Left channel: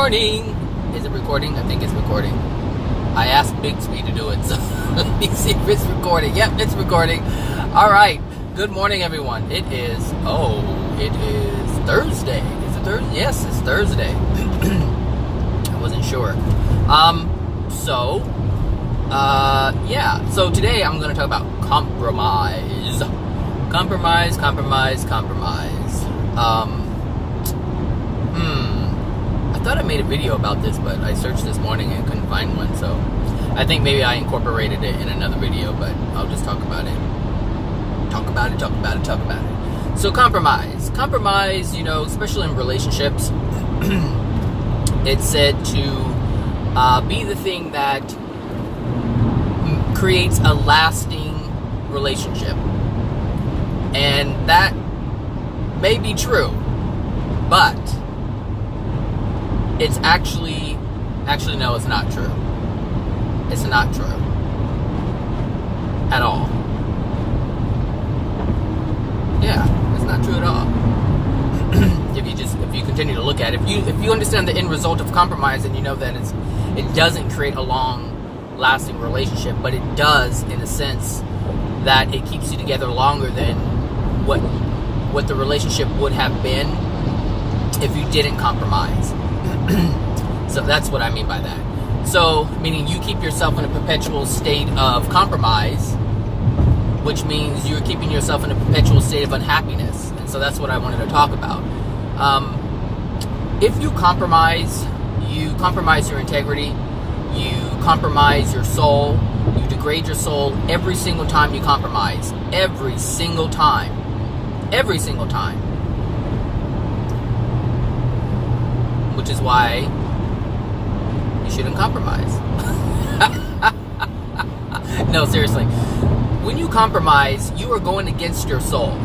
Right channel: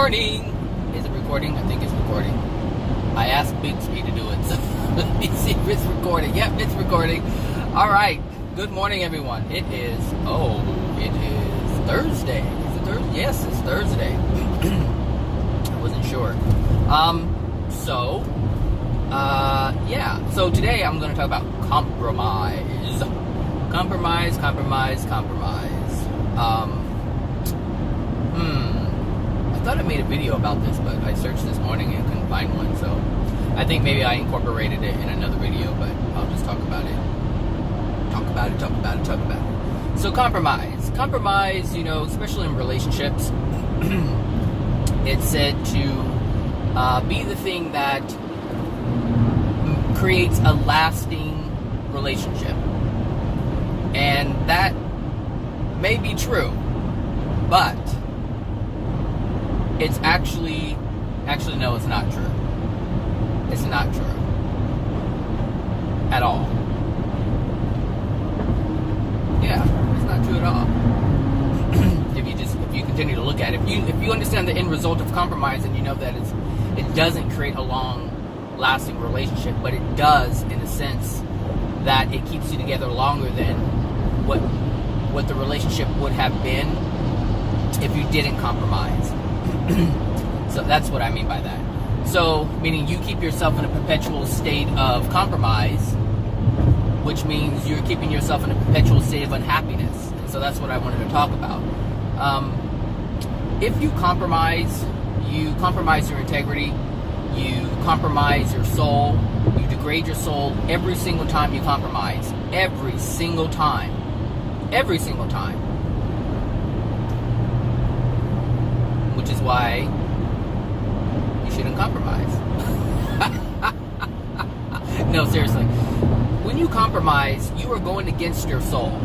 morning. Is it recording? I think it's recording. I asked Bixby to do it, so let me see if it's recording. Yep, it's recording. All right. Good morning, everyone. It is Thursday. Is it Thursday? Yes, it's Thursday. I wasn't sure. So today I'm going to talk about compromise. Compromise. I thought I made a video about this, but I searched this morning and couldn't find one, so I think maybe I incorporated it in another video, but I'll just talk about it. Talk about it. So compromise, especially in relationships, it's said to be the thing that creates a lasting relationship. And that may be true, but it's actually no, it's not true. It's not true at all. Yeah, it's not true at all. if you continue to look at it, if you understand the end result of compromise, and you know that it doesn't create a long lasting relationship, but it does in a sense that it keeps you together longer than what the relationship would have been if you didn't compromise. So that's what I mean by that. So, meaning you keep yourself in a perpetual state of compromise, which means you're keeping yourself in a perpetual state of unhappiness. And so that's what I wanted to talk about. If you compromise your integrity, you compromise your soul, you degrade your soul every single time you compromise. Every single time. Which is why you shouldn't compromise. No, seriously. When you compromise, you are going against your soul.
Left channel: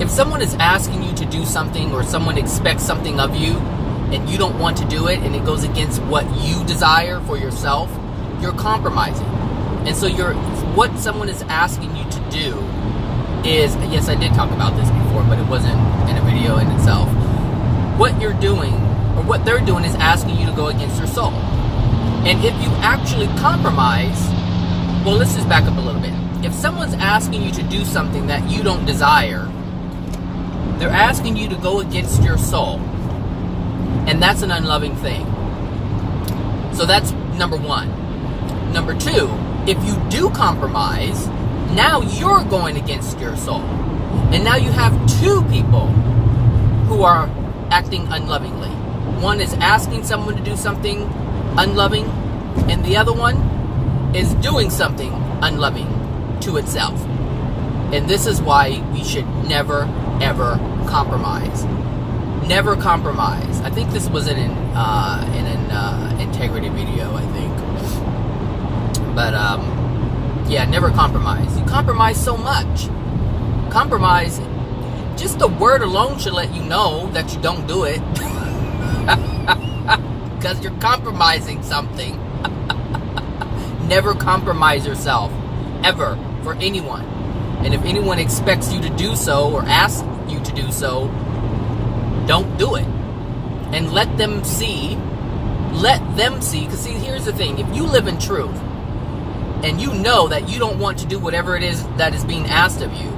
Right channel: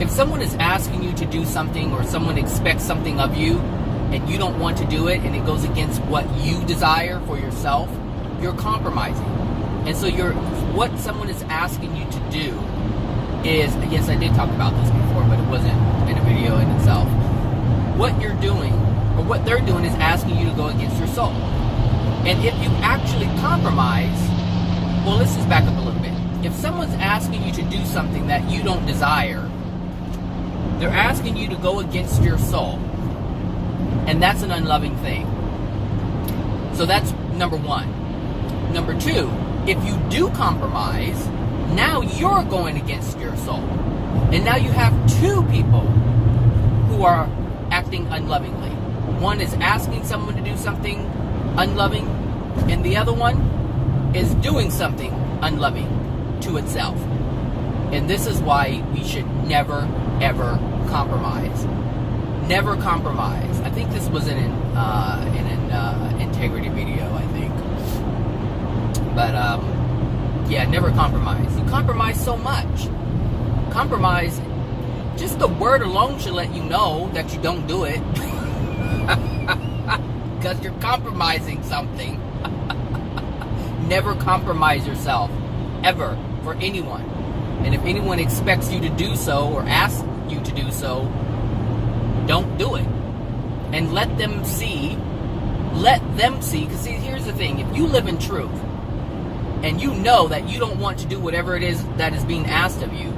If someone is asking you to do something, or someone expects something of you, and you don't want to do it, and it goes against what you desire for yourself, you're compromising. And so what someone is asking you to do is, yes, I did talk about this before, but it wasn't in a video in itself. What you're doing, or what they're doing, is asking you to go against your soul. And if you actually compromise, well, let's just back up a little bit. If someone's asking you to do something that you don't desire, they're asking you to go against your soul. And that's an unloving thing. So that's number one. Number two, if you do compromise, now you're going against your soul. And now you have two people who are acting unlovingly. One is asking someone to do something unloving, and the other one is doing something unloving to itself. And this is why we should never, ever compromise. Never compromise. I think this was in an integrity video, I think. But yeah, never compromise. You compromise so much. Compromise, just the word alone should let you know that you don't do it. Because you're compromising something. Never compromise yourself. Ever. For anyone. And if anyone expects you to do so, or asks you to do so, don't do it. And let them see. Because see, here's the thing. If you live in truth, and you know that you don't want to do whatever it is that is being asked of you,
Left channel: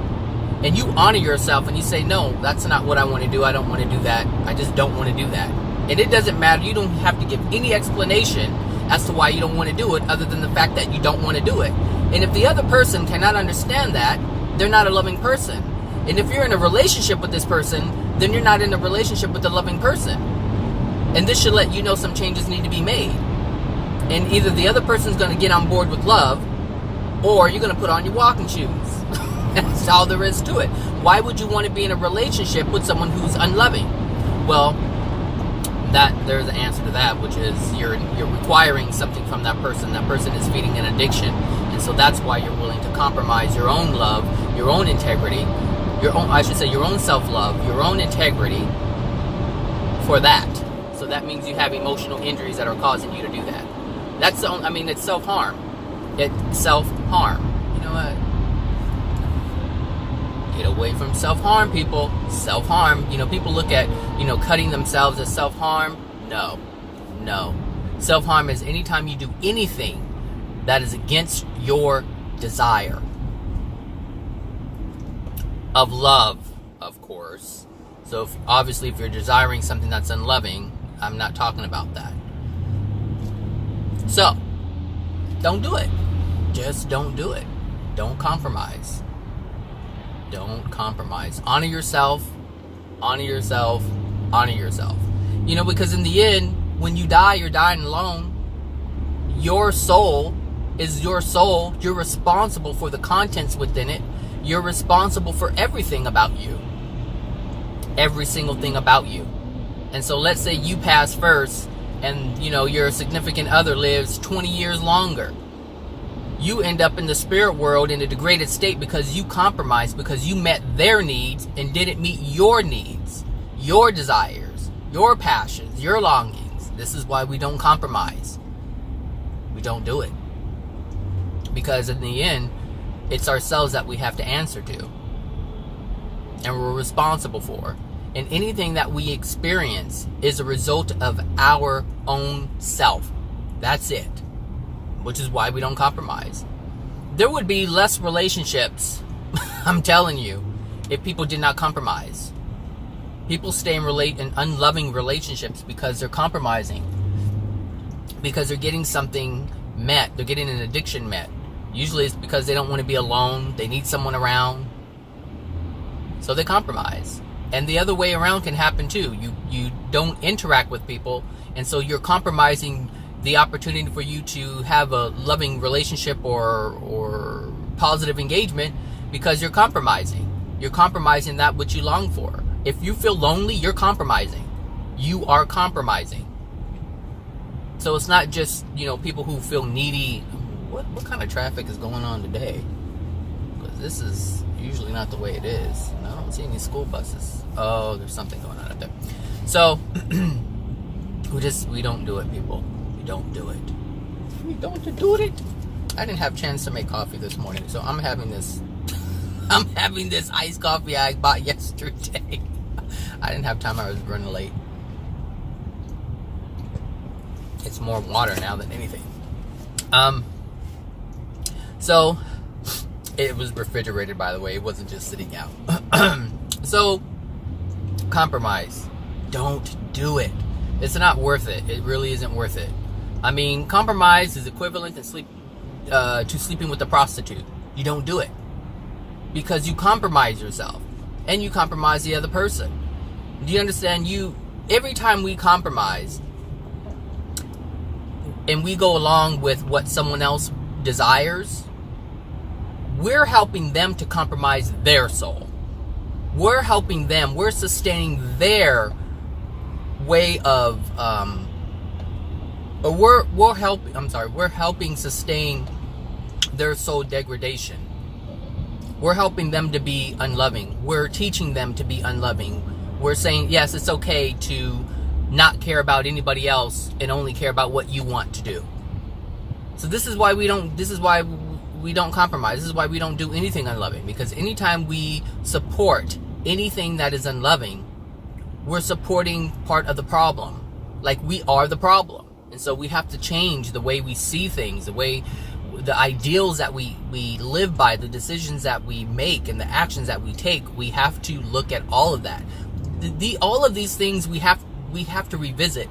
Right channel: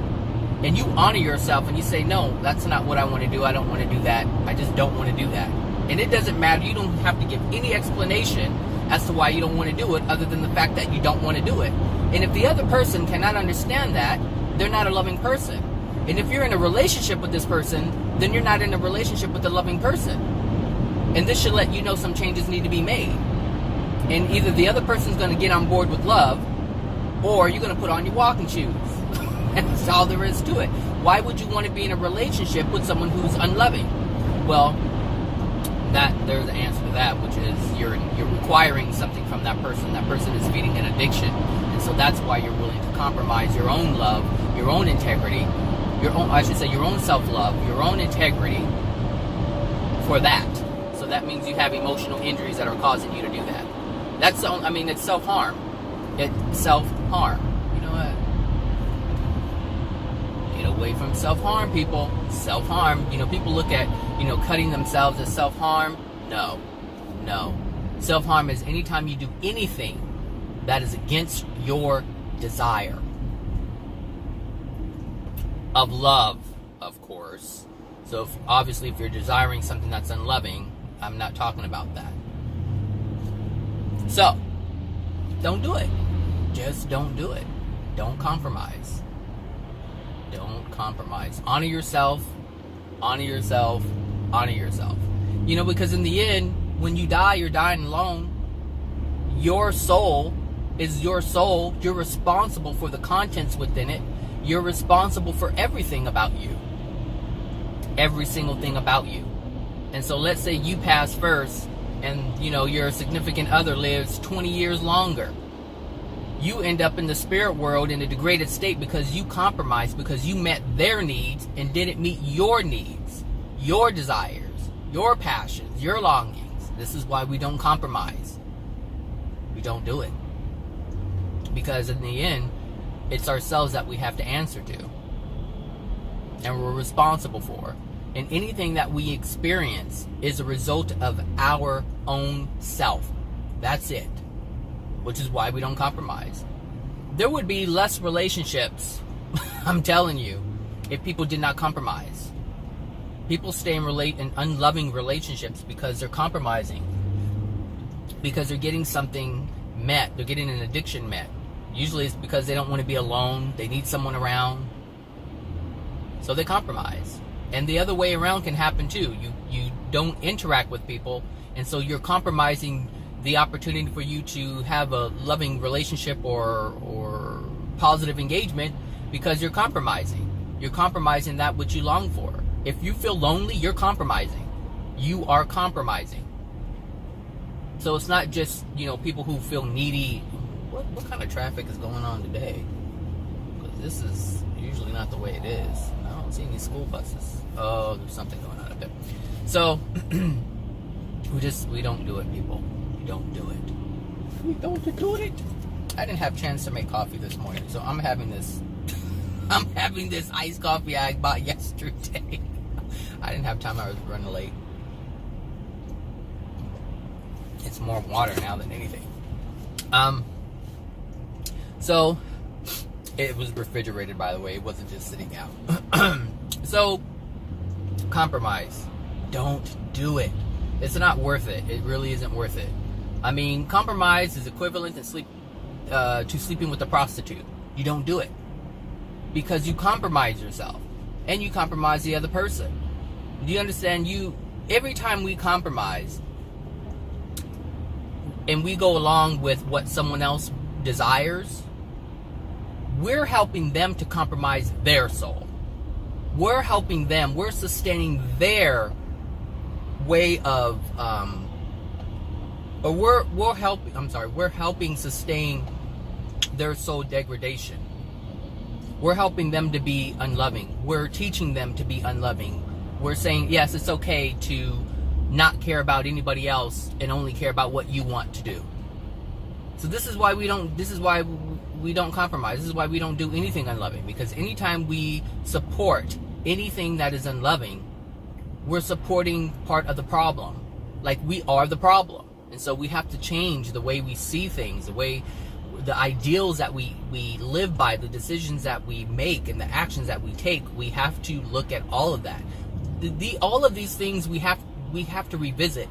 and you honor yourself and you say, no, that's not what I want to do. I don't want to do that. I just don't want to do that. And it doesn't matter. You don't have to give any explanation as to why you don't want to do it, other than the fact that you don't want to do it. And if the other person cannot understand that, they're not a loving person. And if you're in a relationship with this person, then you're not in a relationship with a loving person. And this should let you know some changes need to be made. And either the other person's going to get on board with love, or you're going to put on your walking shoes. That's all there is to it. Why would you want to be in a relationship with someone who's unloving? Well, there's an answer to that, which is you're requiring something from that person. That person is feeding an addiction. And so that's why you're willing to compromise your own love, your own integrity, your own self-love, your own integrity for that. So that means you have emotional injuries that are causing you to do that. It's self-harm. It's self-harm. You know what? Get away from self-harm, people. Self-harm. People look at, cutting themselves as self-harm. No. Self-harm is anytime you do anything that is against your desire. Of love, of course. So obviously if you're desiring something that's unloving, I'm not talking about that. So, don't do it. Just don't do it. Don't compromise. Don't compromise. Honor yourself. Honor yourself. Honor yourself. Because in the end, when you die, you're dying alone. Your soul is your soul. You're responsible for the contents within it. You're responsible for everything about you. Every single thing about you. And so let's say you pass first and, your significant other lives 20 years longer. You end up in the spirit world in a degraded state because you compromised, because you met their needs and didn't meet your needs, your desires, your passions, your longings. This is why we don't compromise. We don't do it. Because in the end, it's ourselves that we have to answer to. And we're responsible for. And anything that we experience is a result of our own self. That's it. Which is why we don't compromise. There would be less relationships, I'm telling you, if people did not compromise. People stay in unloving relationships because they're compromising. Because they're getting something met. They're getting an addiction met. Usually it's because they don't want to be alone. They need someone around. So they compromise. And the other way around can happen too. You don't interact with people, and so you're compromising the opportunity for you to have a loving relationship or positive engagement because you're compromising. You're compromising that which you long for. If you feel lonely, you're compromising. You are compromising. So it's not just, people who feel needy. What kind of traffic is going on today? Because this is usually not the way it is. I don't see any school buses. Oh, there's something going on up there. So we don't do it, people. We don't do it. We don't do it. I didn't have a chance to make coffee this morning, so I'm having this iced coffee I bought yesterday. I didn't have time. I was running late. It's more water now than anything. So it was refrigerated, by the way. It wasn't just sitting out. So compromise. Don't do it. It's not worth it. It really isn't worth it. I mean, compromise is equivalent to sleeping with a prostitute. You don't do it because you compromise yourself and you compromise the other person. Do you understand? Every time we compromise and we go along with what someone else desires, we're helping them to compromise their soul. We're helping them. We're sustaining their way of, we're helping sustain their soul degradation. We're helping them to be unloving. We're teaching them to be unloving. We're saying, yes, it's okay to not care about anybody else and only care about what you want to do. So this is why we don't compromise. This is why we don't do anything unloving. Because anytime we support anything that is unloving, we're supporting part of the problem. Like, we are the problem. And so we have to change the way we see things, the ideals that we live by, the decisions that we make, and the actions that we take. We have to look at all of that. All of these things we have to revisit.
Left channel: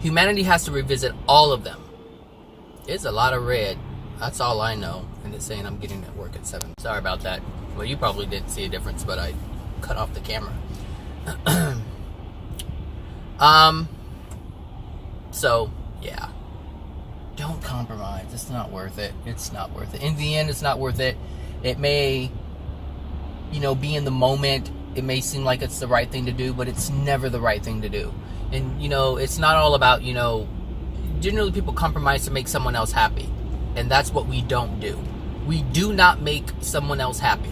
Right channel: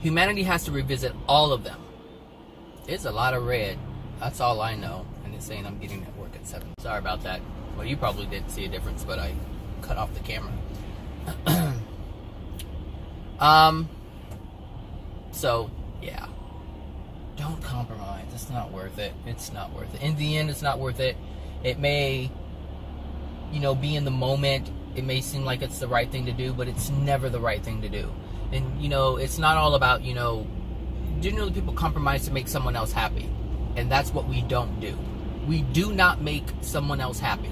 Humanity has to revisit all of them. It's a lot of red. That's all I know. And it's saying I'm getting at work at 7. Sorry about that. Well, you probably didn't see a difference, but I cut off the camera. So, yeah. Don't compromise. It's not worth it. It's not worth it. In the end, it's not worth it. It may, be in the moment. It may seem like it's the right thing to do, but it's never the right thing to do. And, it's not all about, generally people compromise to make someone else happy. And that's what we don't do. We do not make someone else happy.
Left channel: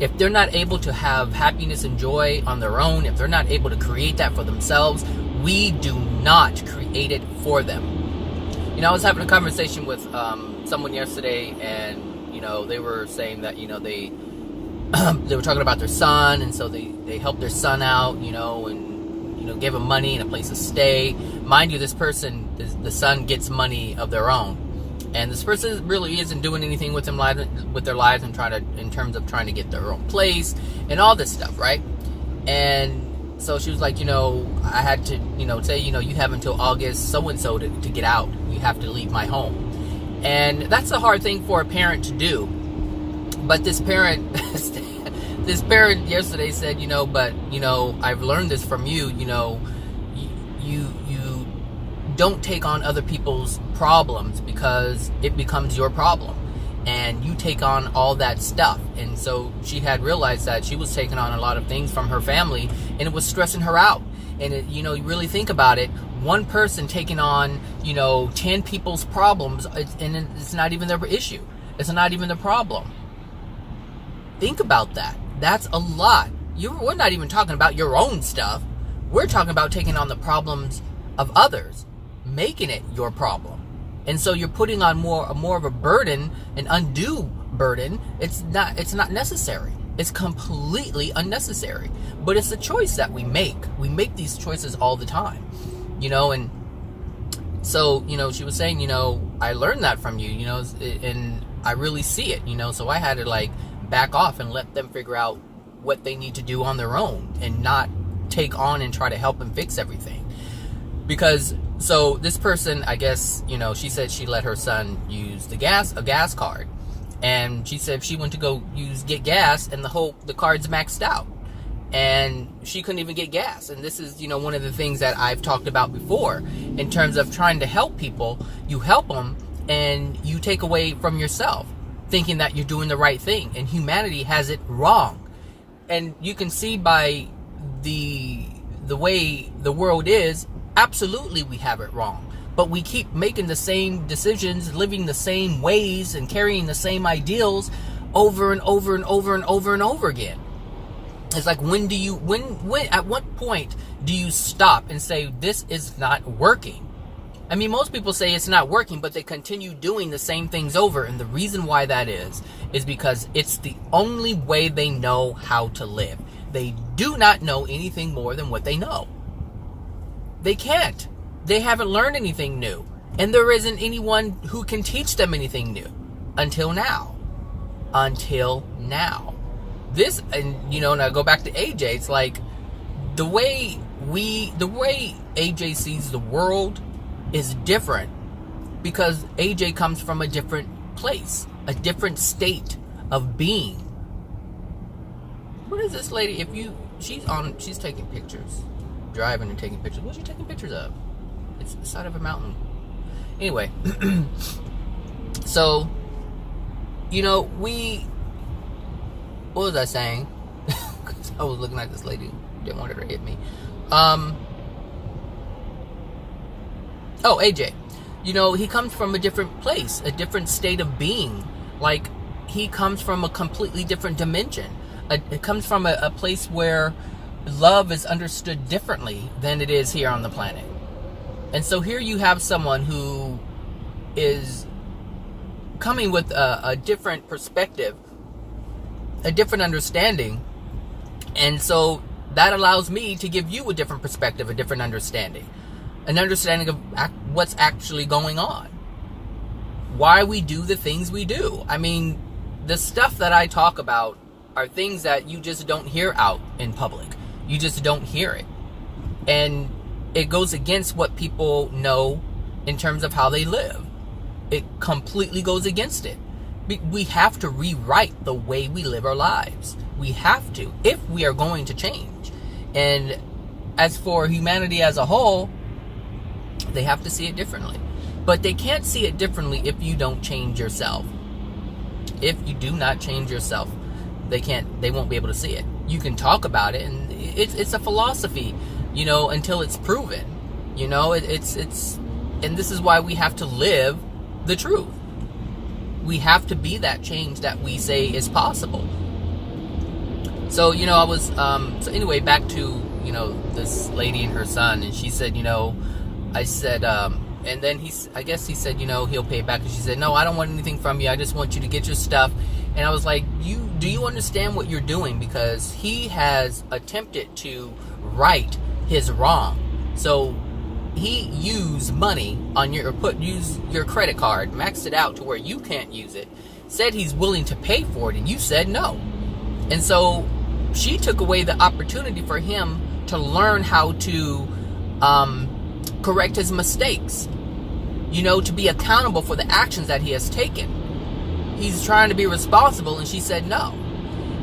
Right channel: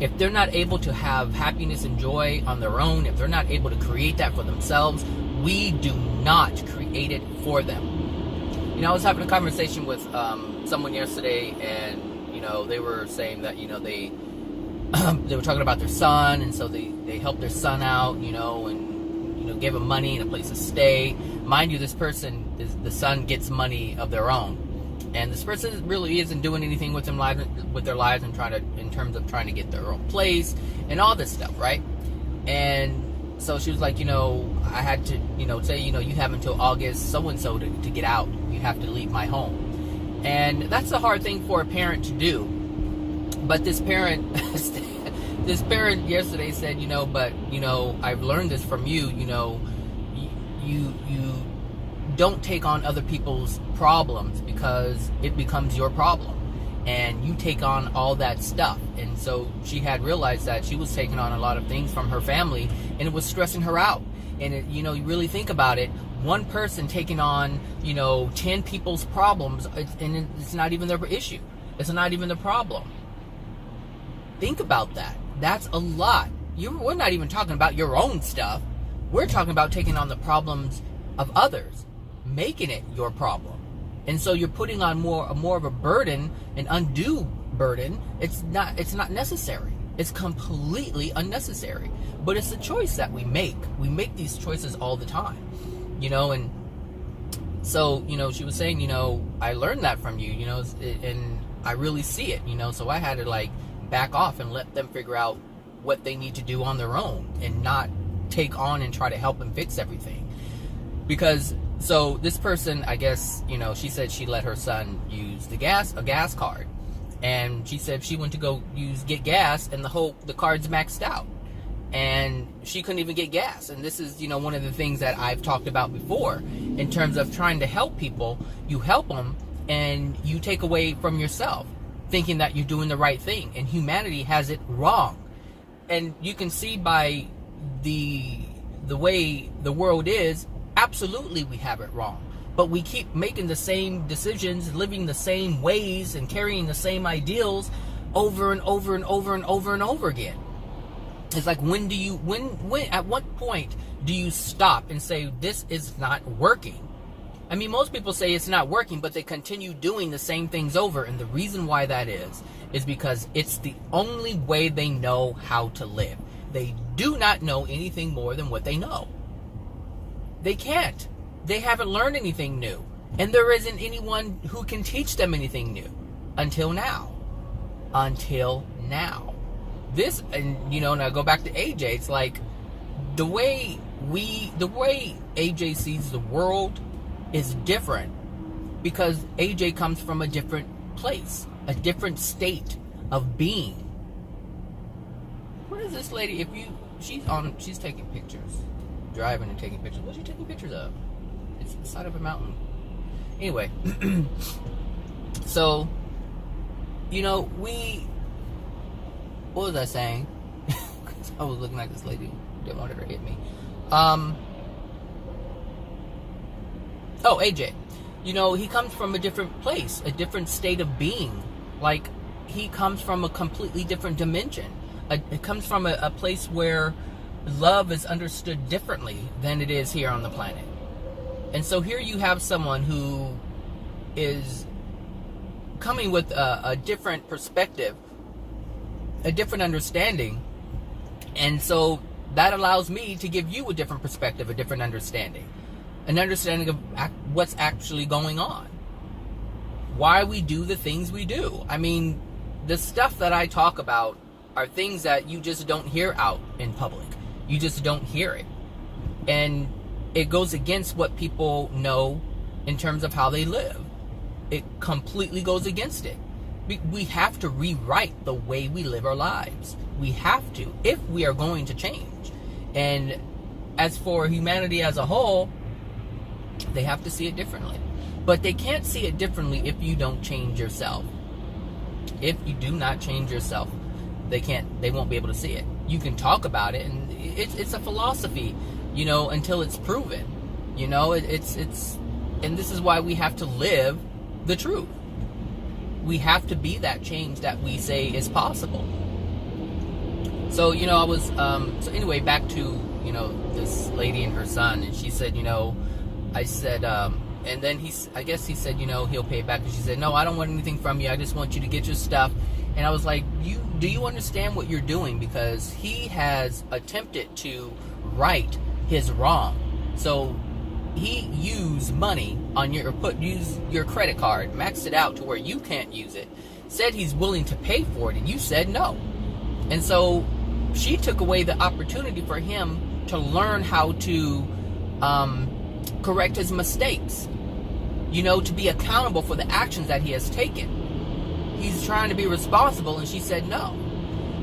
If they're not able to have happiness and joy on their own, if they're not able to create that for themselves, we do not create it for them. I was having a conversation with someone yesterday, and, they were saying that, they were talking about their son, and so they helped their son out, you know, and, you know, gave him money and a place to stay. Mind you, this person, the son gets money of their own. And this person really isn't doing anything with their lives and in terms of trying to get their own place and all this stuff, right? And so she was like, you know, I had to, you know, say, you know, you have until August so-and-so to get out. You have to leave my home. And that's a hard thing for a parent to do. But this parent, this parent yesterday said, you know, but, you know, I've learned this from you, you know, you don't take on other people's problems because it becomes your problem, and you take on all that stuff. And so she had realized that she was taking on a lot of things from her family, and it was stressing her out. And it, you know, you really think about it, one person taking on, you know, 10 people's problems, and it's not even their issue, it's not even the problem. Think about that. That's a lot. We're not even talking about your own stuff. We're talking about taking on the problems of others, making it your problem. And so you're putting on more of a burden, an undue burden. It's not necessary. It's completely unnecessary. But it's a choice that we make. We make these choices all the time, you know. And so, you know, she was saying, you know, I learned that from you, you know, and I really see it, you know. So I had to like back off and let them figure out what they need to do on their own, and not take on and try to help and fix everything. Because, so this person, I guess, you know, she said she let her son use a gas card. And she said she went to go get gas, and the card's maxed out. And she couldn't even get gas. And this is, you know, one of the things that I've talked about before in terms of trying to help people. You help them, and you take away from yourself, thinking that you're doing the right thing. And humanity has it wrong. And you can see by the way the world is, absolutely we have it wrong. But we keep making the same decisions, living the same ways, and carrying the same ideals over and over and over and over and over again. It's like, when at what point do you stop and say, this is not working? I mean, most people say it's not working, but they continue doing the same things over. And the reason why that is because it's the only way they know how to live. They do not know anything more than what they know. They can't. They haven't learned anything new. And there isn't anyone who can teach them anything new. Until now. This, and you know, and I go back to AJ, it's like, the way AJ sees the world is different, because AJ comes from a different place, a different state of being. What is this lady? She's taking pictures. Driving and taking pictures. What's she taking pictures of? It's the side of a mountain. Anyway, so, you know, what was I saying? Because I was looking at this lady, didn't want her to hit me. AJ, you know, he comes from a different place, a different state of being. Like, he comes from a completely different dimension. It comes from a place where love is understood differently than it is here on the planet. And so here you have someone who is coming with a different perspective, a different understanding. And so that allows me to give you a different perspective, a different understanding. An understanding of what's actually going on. Why we do the things we do. I mean, the stuff that I talk about are things that you just don't hear out in public. You just don't hear it. And it goes against what people know in terms of how they live. It completely goes against it. We have to rewrite the way we live our lives. We have to, if we are going to change. And as for humanity as a whole, they have to see it differently. But they can't see it differently if you don't change yourself. If you do not change yourself, they won't be able to see it. You can talk about it, and it's a philosophy, you know, until it's proven. You know, and this is why we have to live the truth. We have to be that change that we say is possible. So, you know, I was, so anyway, back to, you know, this lady and her son, and she said, you know, I said, and then I guess he said, you know, he'll pay back. And she said, no, I don't want anything from you. I just want you to get your stuff And I was like, do you understand what you're doing? Because he has attempted to right his wrong. So he used money on use your credit card, maxed it out to where you can't use it, said he's willing to pay for it, and you said no. And so she took away the opportunity for him to learn how to correct his mistakes, to be accountable for the actions that he has taken. He's trying to be responsible, and she said no.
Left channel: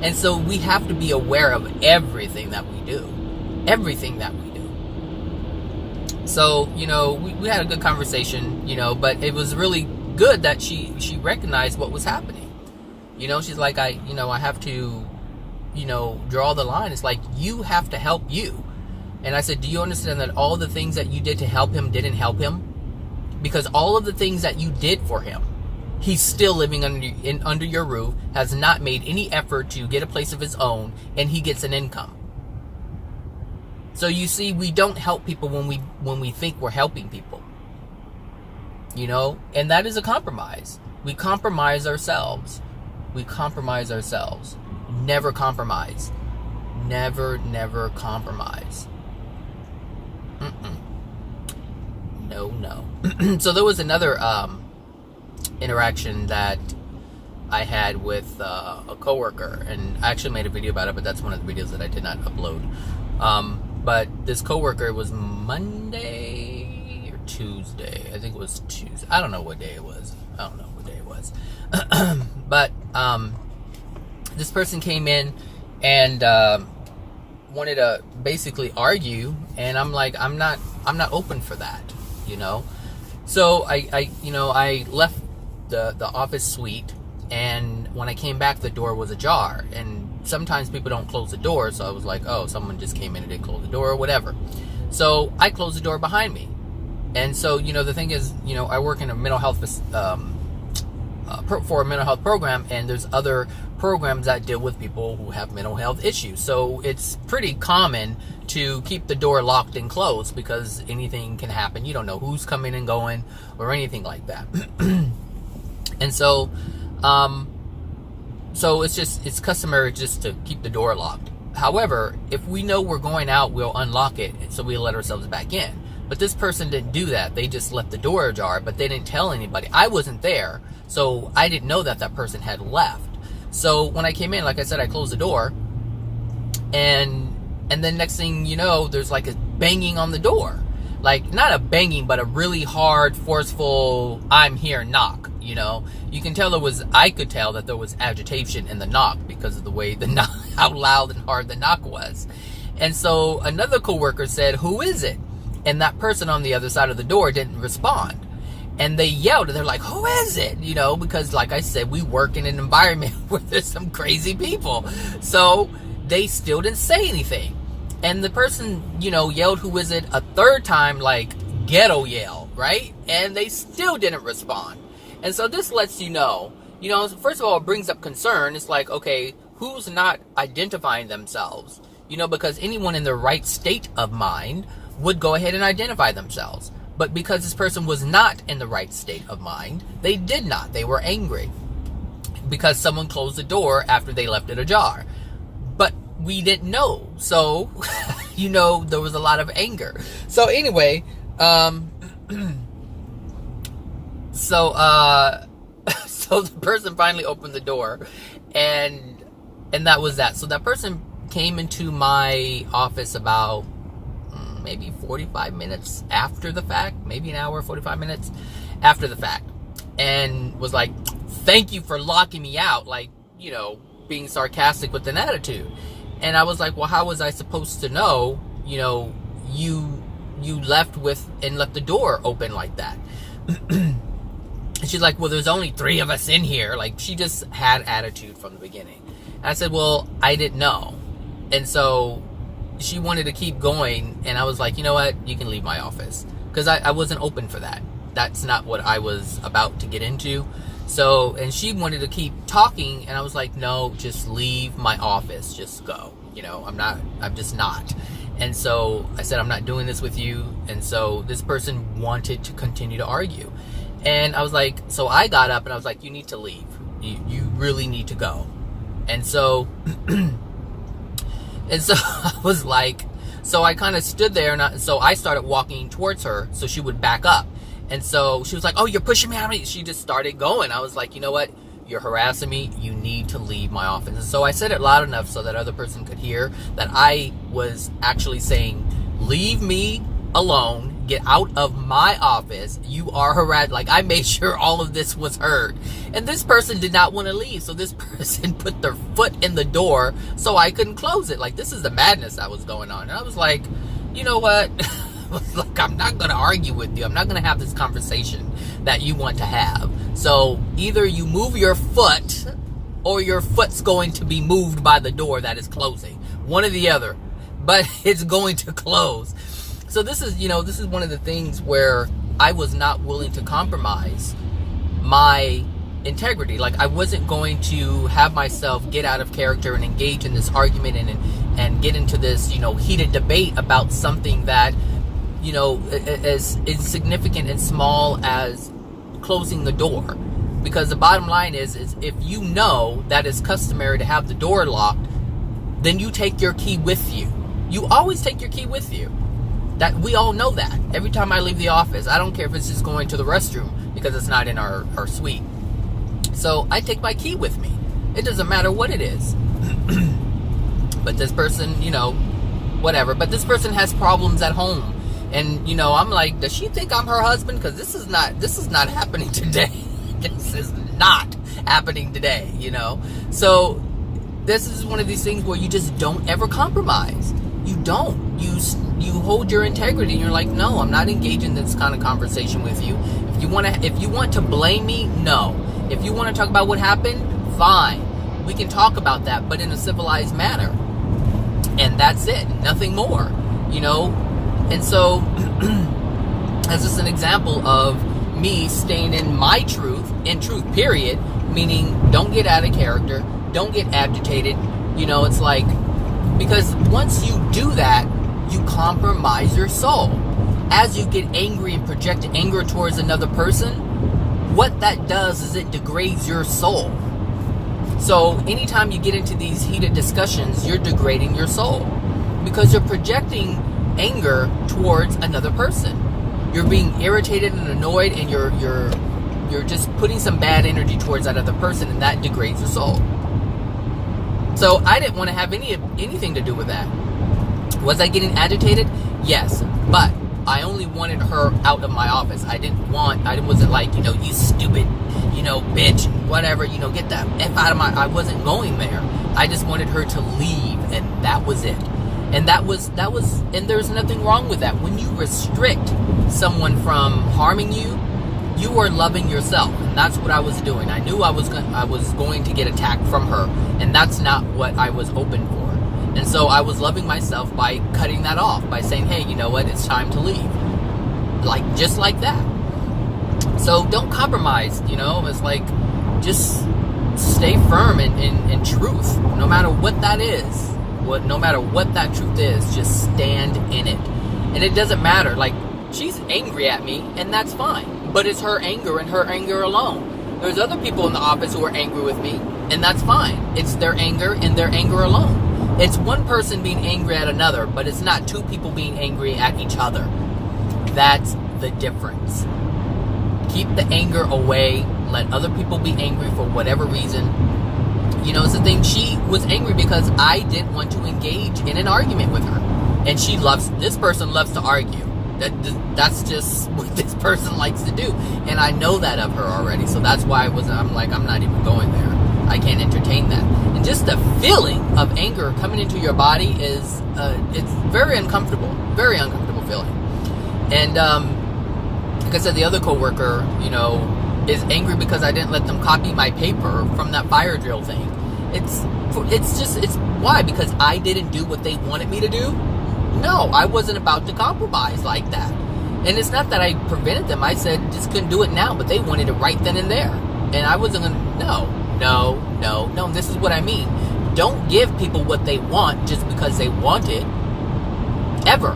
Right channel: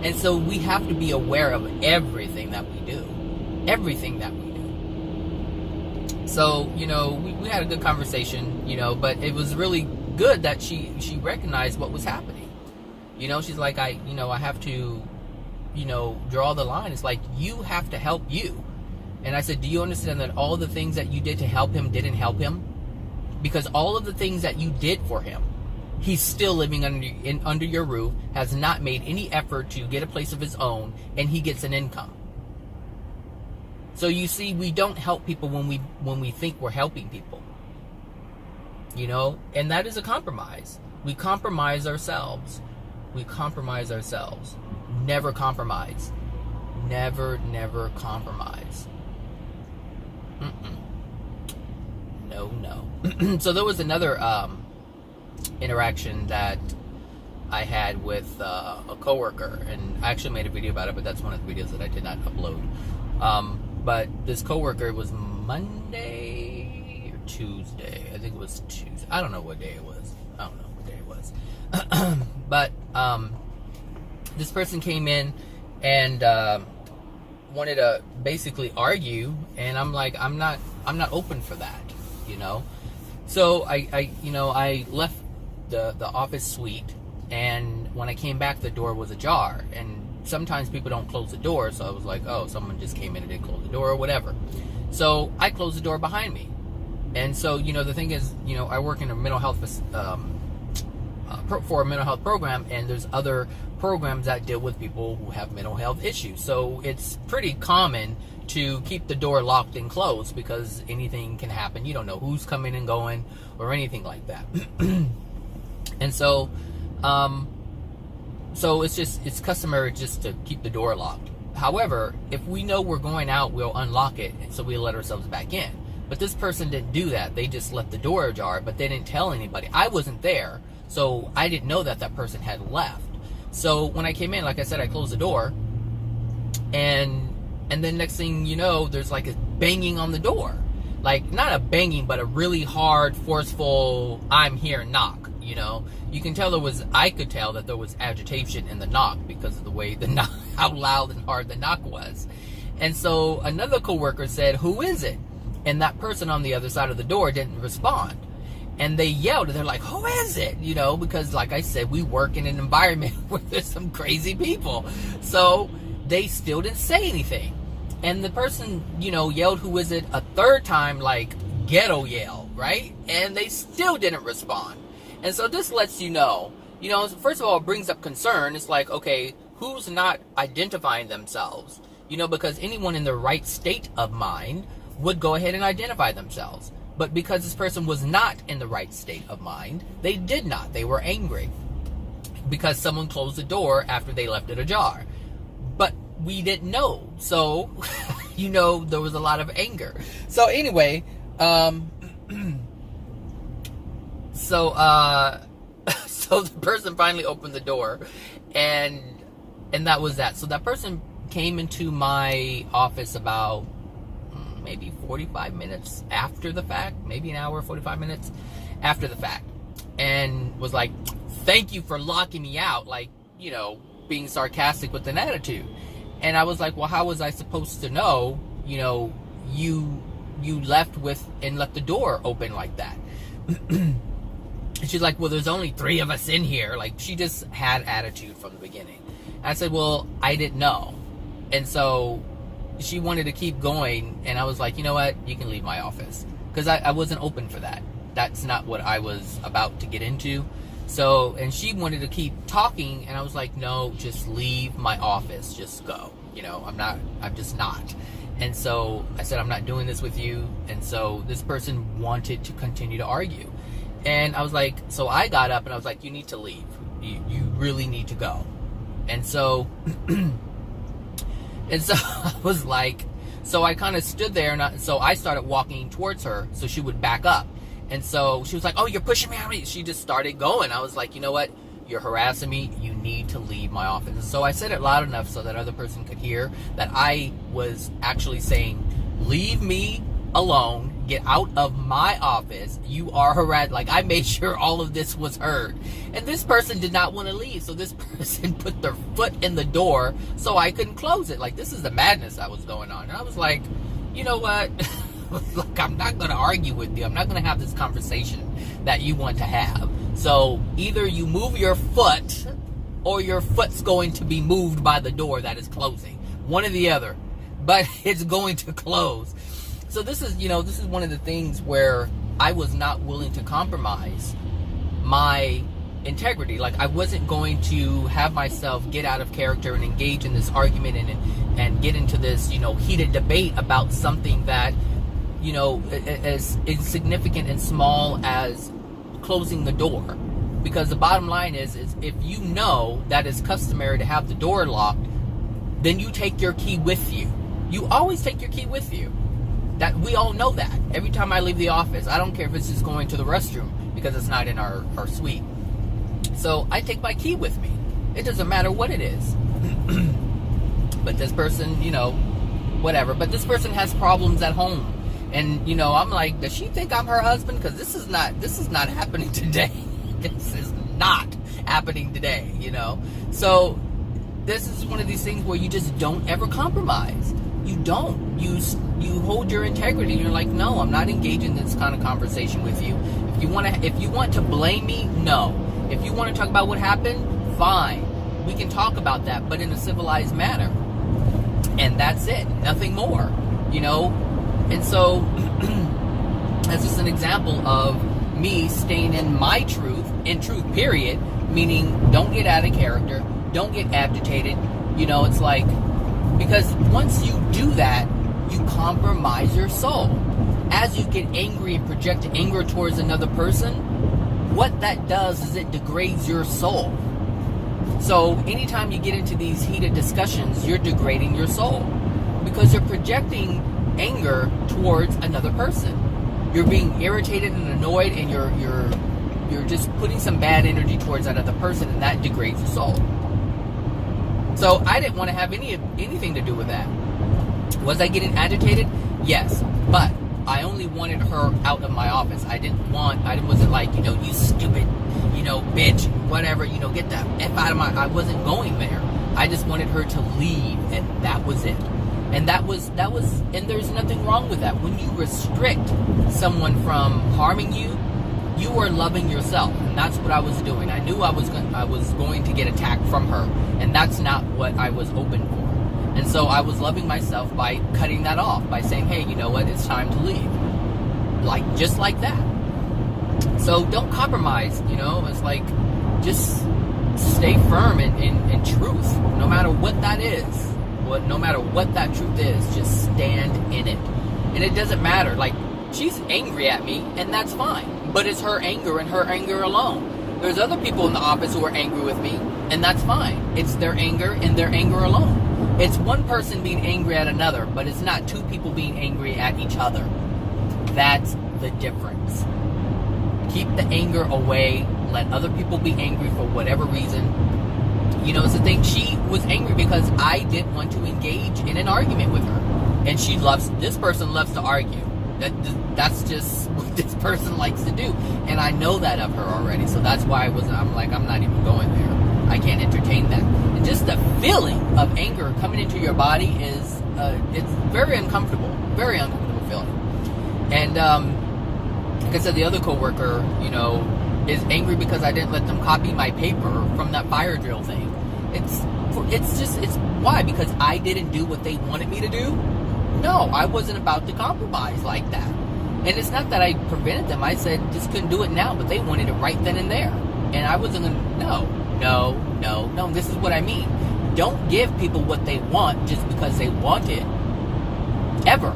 And so we have to be aware of everything that we do. Everything that we do. So, we had a good conversation, but it was really good that she recognized what was happening. She's like, I have to, draw the line. It's like, you have to help you. And I said, do you understand that all the things that you did to help him didn't help him? Because all of the things that you did for him, he's still living under your roof, has not made any effort to get a place of his own, and he gets an income. So you see, we don't help people when we think we're helping people. And that is a compromise. We compromise ourselves. We compromise ourselves. Never compromise. Never compromise. No. So there was another interaction that I had with a coworker, and I actually made a video about it, but that's one of the videos that I did not upload. But this coworker, was Monday or Tuesday. I think it was Tuesday. I don't know what day it was. But this person came in and wanted to basically argue, and I'm like, I'm not open for that, So I left the office suite, and when I came back, the door was ajar, and sometimes people don't close the door, so I was like, oh, someone just came in and didn't close the door or whatever. So I closed the door behind me. And so, the thing is, I work in a mental health for a mental health program, and there's other programs that deal with people who have mental health issues. So it's pretty common to keep the door locked and closed, because anything can happen. You don't know who's coming and going or anything like that. And so it's customary just to keep the door locked. However, if we know we're going out, we'll unlock it, so we'll let ourselves back in. But this person didn't do that. They just left the door ajar, but they didn't tell anybody. I wasn't there, so I didn't know that person had left. So when I came in, like I said, I closed the door, and then next thing you know, there's like a banging on the door. Like, not a banging, but a really hard, forceful, I'm here knock. You can tell I could tell that there was agitation in the knock because of the way how loud and hard the knock was. And so another coworker said, who is it? And that person on the other side of the door didn't respond. And they yelled, and they're like, who is it? Because like I said, we work in an environment where there's some crazy people. So they still didn't say anything. And the person, yelled, who is it? A third time, like ghetto yell, right? And they still didn't respond. And so this lets first of all, it brings up concern. It's like, okay, who's not identifying themselves? Because anyone in the right state of mind would go ahead and identify themselves. But because this person was not in the right state of mind, they did not. They were angry because someone closed the door after they left it ajar. But we didn't know. So, there was a lot of anger. So anyway, so the person finally opened the door, and that was that. So that person came into my office about maybe 45 minutes after the fact, maybe an hour, 45 minutes after the fact, and was like, thank you for locking me out, like, being sarcastic with an attitude. And I was like, well, how was I supposed to know, you left the door open like that? And she's like, well, there's only 3 of us in here. Like, she just had attitude from the beginning. And I said, well, I didn't know. And so she wanted to keep going, and I was like, you know what, you can leave my office, because I wasn't open for that. That's not what I was about to get into. So, and she wanted to keep talking, and I was like, no, just leave my office, just go. I'm just not. And so I said, I'm not doing this with you. And so this person wanted to continue to argue, and I was like, so I got up and I was like, you need to leave. You really need to go. And so, I was like, so I kind of stood there, and so I started walking towards her so she would back up. And so she was like, oh, you're pushing me out. She just started going. I was like, you know what? You're harassing me. You need to leave my office. And so I said it loud enough so that other person could hear that I was actually saying, leave me alone. Get out of my office. You are harassed. Like, I made sure all of this was heard. And this person did not want to leave. So this person put their foot in the door so I couldn't close it. Like, this is the madness that was going on. And I was like, you know what? Look, I'm not going to argue with you. I'm not going to have this conversation that you want to have. So either you move your foot or your foot's going to be moved by the door that is closing. One or the other. But it's going to close. So this is one of the things where I was not willing to compromise my integrity. Like, I wasn't going to have myself get out of character and engage in this argument and get into this, heated debate about something that, as insignificant and small as closing the door. Because the bottom line is if you know that it's customary to have the door locked, then you take your key with you. You always take your key with you. That we all know that. Every time I leave the office, I don't care if it's just going to the restroom because it's not in our suite. So I take my key with me. It doesn't matter what it is. But this person, whatever. But this person has problems at home. And, I'm like, does she think I'm her husband? Because this is not happening today. This is not happening today, So this is one of these things where you just don't ever compromise. You don't. You hold your integrity. You're like, no, I'm not engaging in this kind of conversation with you. If you want to blame me, no. If you want to talk about what happened, fine. We can talk about that, but in a civilized manner. And that's it. Nothing more. And so, as just an example of me staying in my truth, period, meaning don't get out of character, don't get agitated. It's like, because once you do that, you compromise your soul. As you get angry and project anger towards another person, what that does is it degrades your soul. So anytime you get into these heated discussions, you're degrading your soul because you're projecting anger towards another person. You're being irritated and annoyed, and you're just putting some bad energy towards that other person, and that degrades your soul. So I didn't want to have anything to do with that. Was I getting agitated? Yes, but I only wanted her out of my office. I wasn't like, you stupid, bitch, whatever, get that F out of I wasn't going there. I just wanted her to leave, and that was it. And that was, and there's nothing wrong with that. When you restrict someone from harming you, you are loving yourself, and that's what I was doing. I knew I was going to get attacked from her, and that's not what I was open for. And so I was loving myself by cutting that off, by saying, hey, you know what, it's time to leave. Like, just like that. So don't compromise, it's like, just stay firm in truth, no matter what that is. No matter what that truth is, just stand in it. And it doesn't matter, like, she's angry at me, and that's fine. But it's her anger and her anger alone. There's other people in the office who are angry with me, and that's fine. It's their anger and their anger alone. It's one person being angry at another, but it's not two people being angry at each other. That's the difference. Keep the anger away. Let other people be angry for whatever reason. It's the thing. She was angry because I didn't want to engage in an argument with her. And this person loves to argue. That's just what this person likes to do. And I know that of her already. So that's why I'm not even going there. I can't entertain that. And just the feeling of anger coming into your body is, it's very uncomfortable. Very uncomfortable feeling. And, like I said, the other coworker, is angry because I didn't let them copy my paper from that fire drill thing. It's why? Because I didn't do what they wanted me to do? No, I wasn't about to compromise like that. And it's not that I prevented them. I said, just couldn't do it now, but they wanted it right then and there. And I wasn't going to, no. This is what I mean. Don't give people what they want just because they want it. Ever.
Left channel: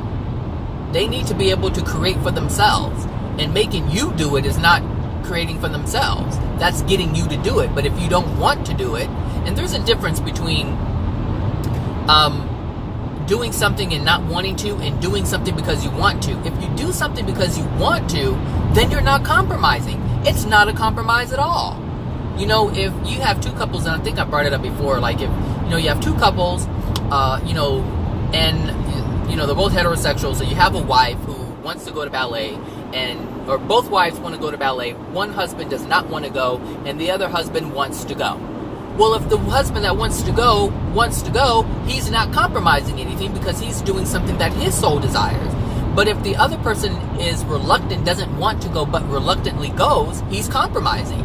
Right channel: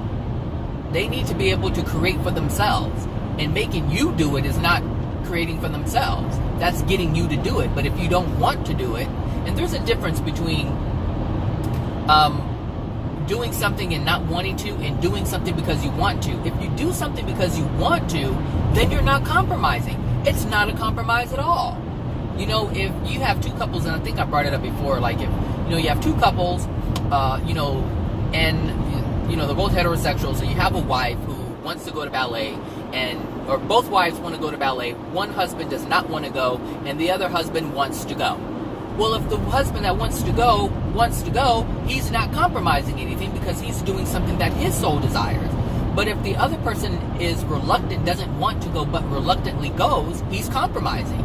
They need to be able to create for themselves. And making you do it is not creating for themselves. That's getting you to do it. But if you don't want to do it, and there's a difference between doing something and not wanting to, and doing something because you want to. If you do something because you want to, then you're not compromising. It's not a compromise at all. You know, if you have two couples, and I think I brought it up before, like if, you know, you have two couples, you know, and, you know, they're both heterosexual, so you have a wife who wants to go to ballet, or both wives want to go to ballet, one husband does not want to go, and the other husband wants to go. Well, if the husband that wants to go, he's not compromising anything because he's doing something that his soul desires. But if the other person is reluctant, doesn't want to go, but reluctantly goes, he's compromising.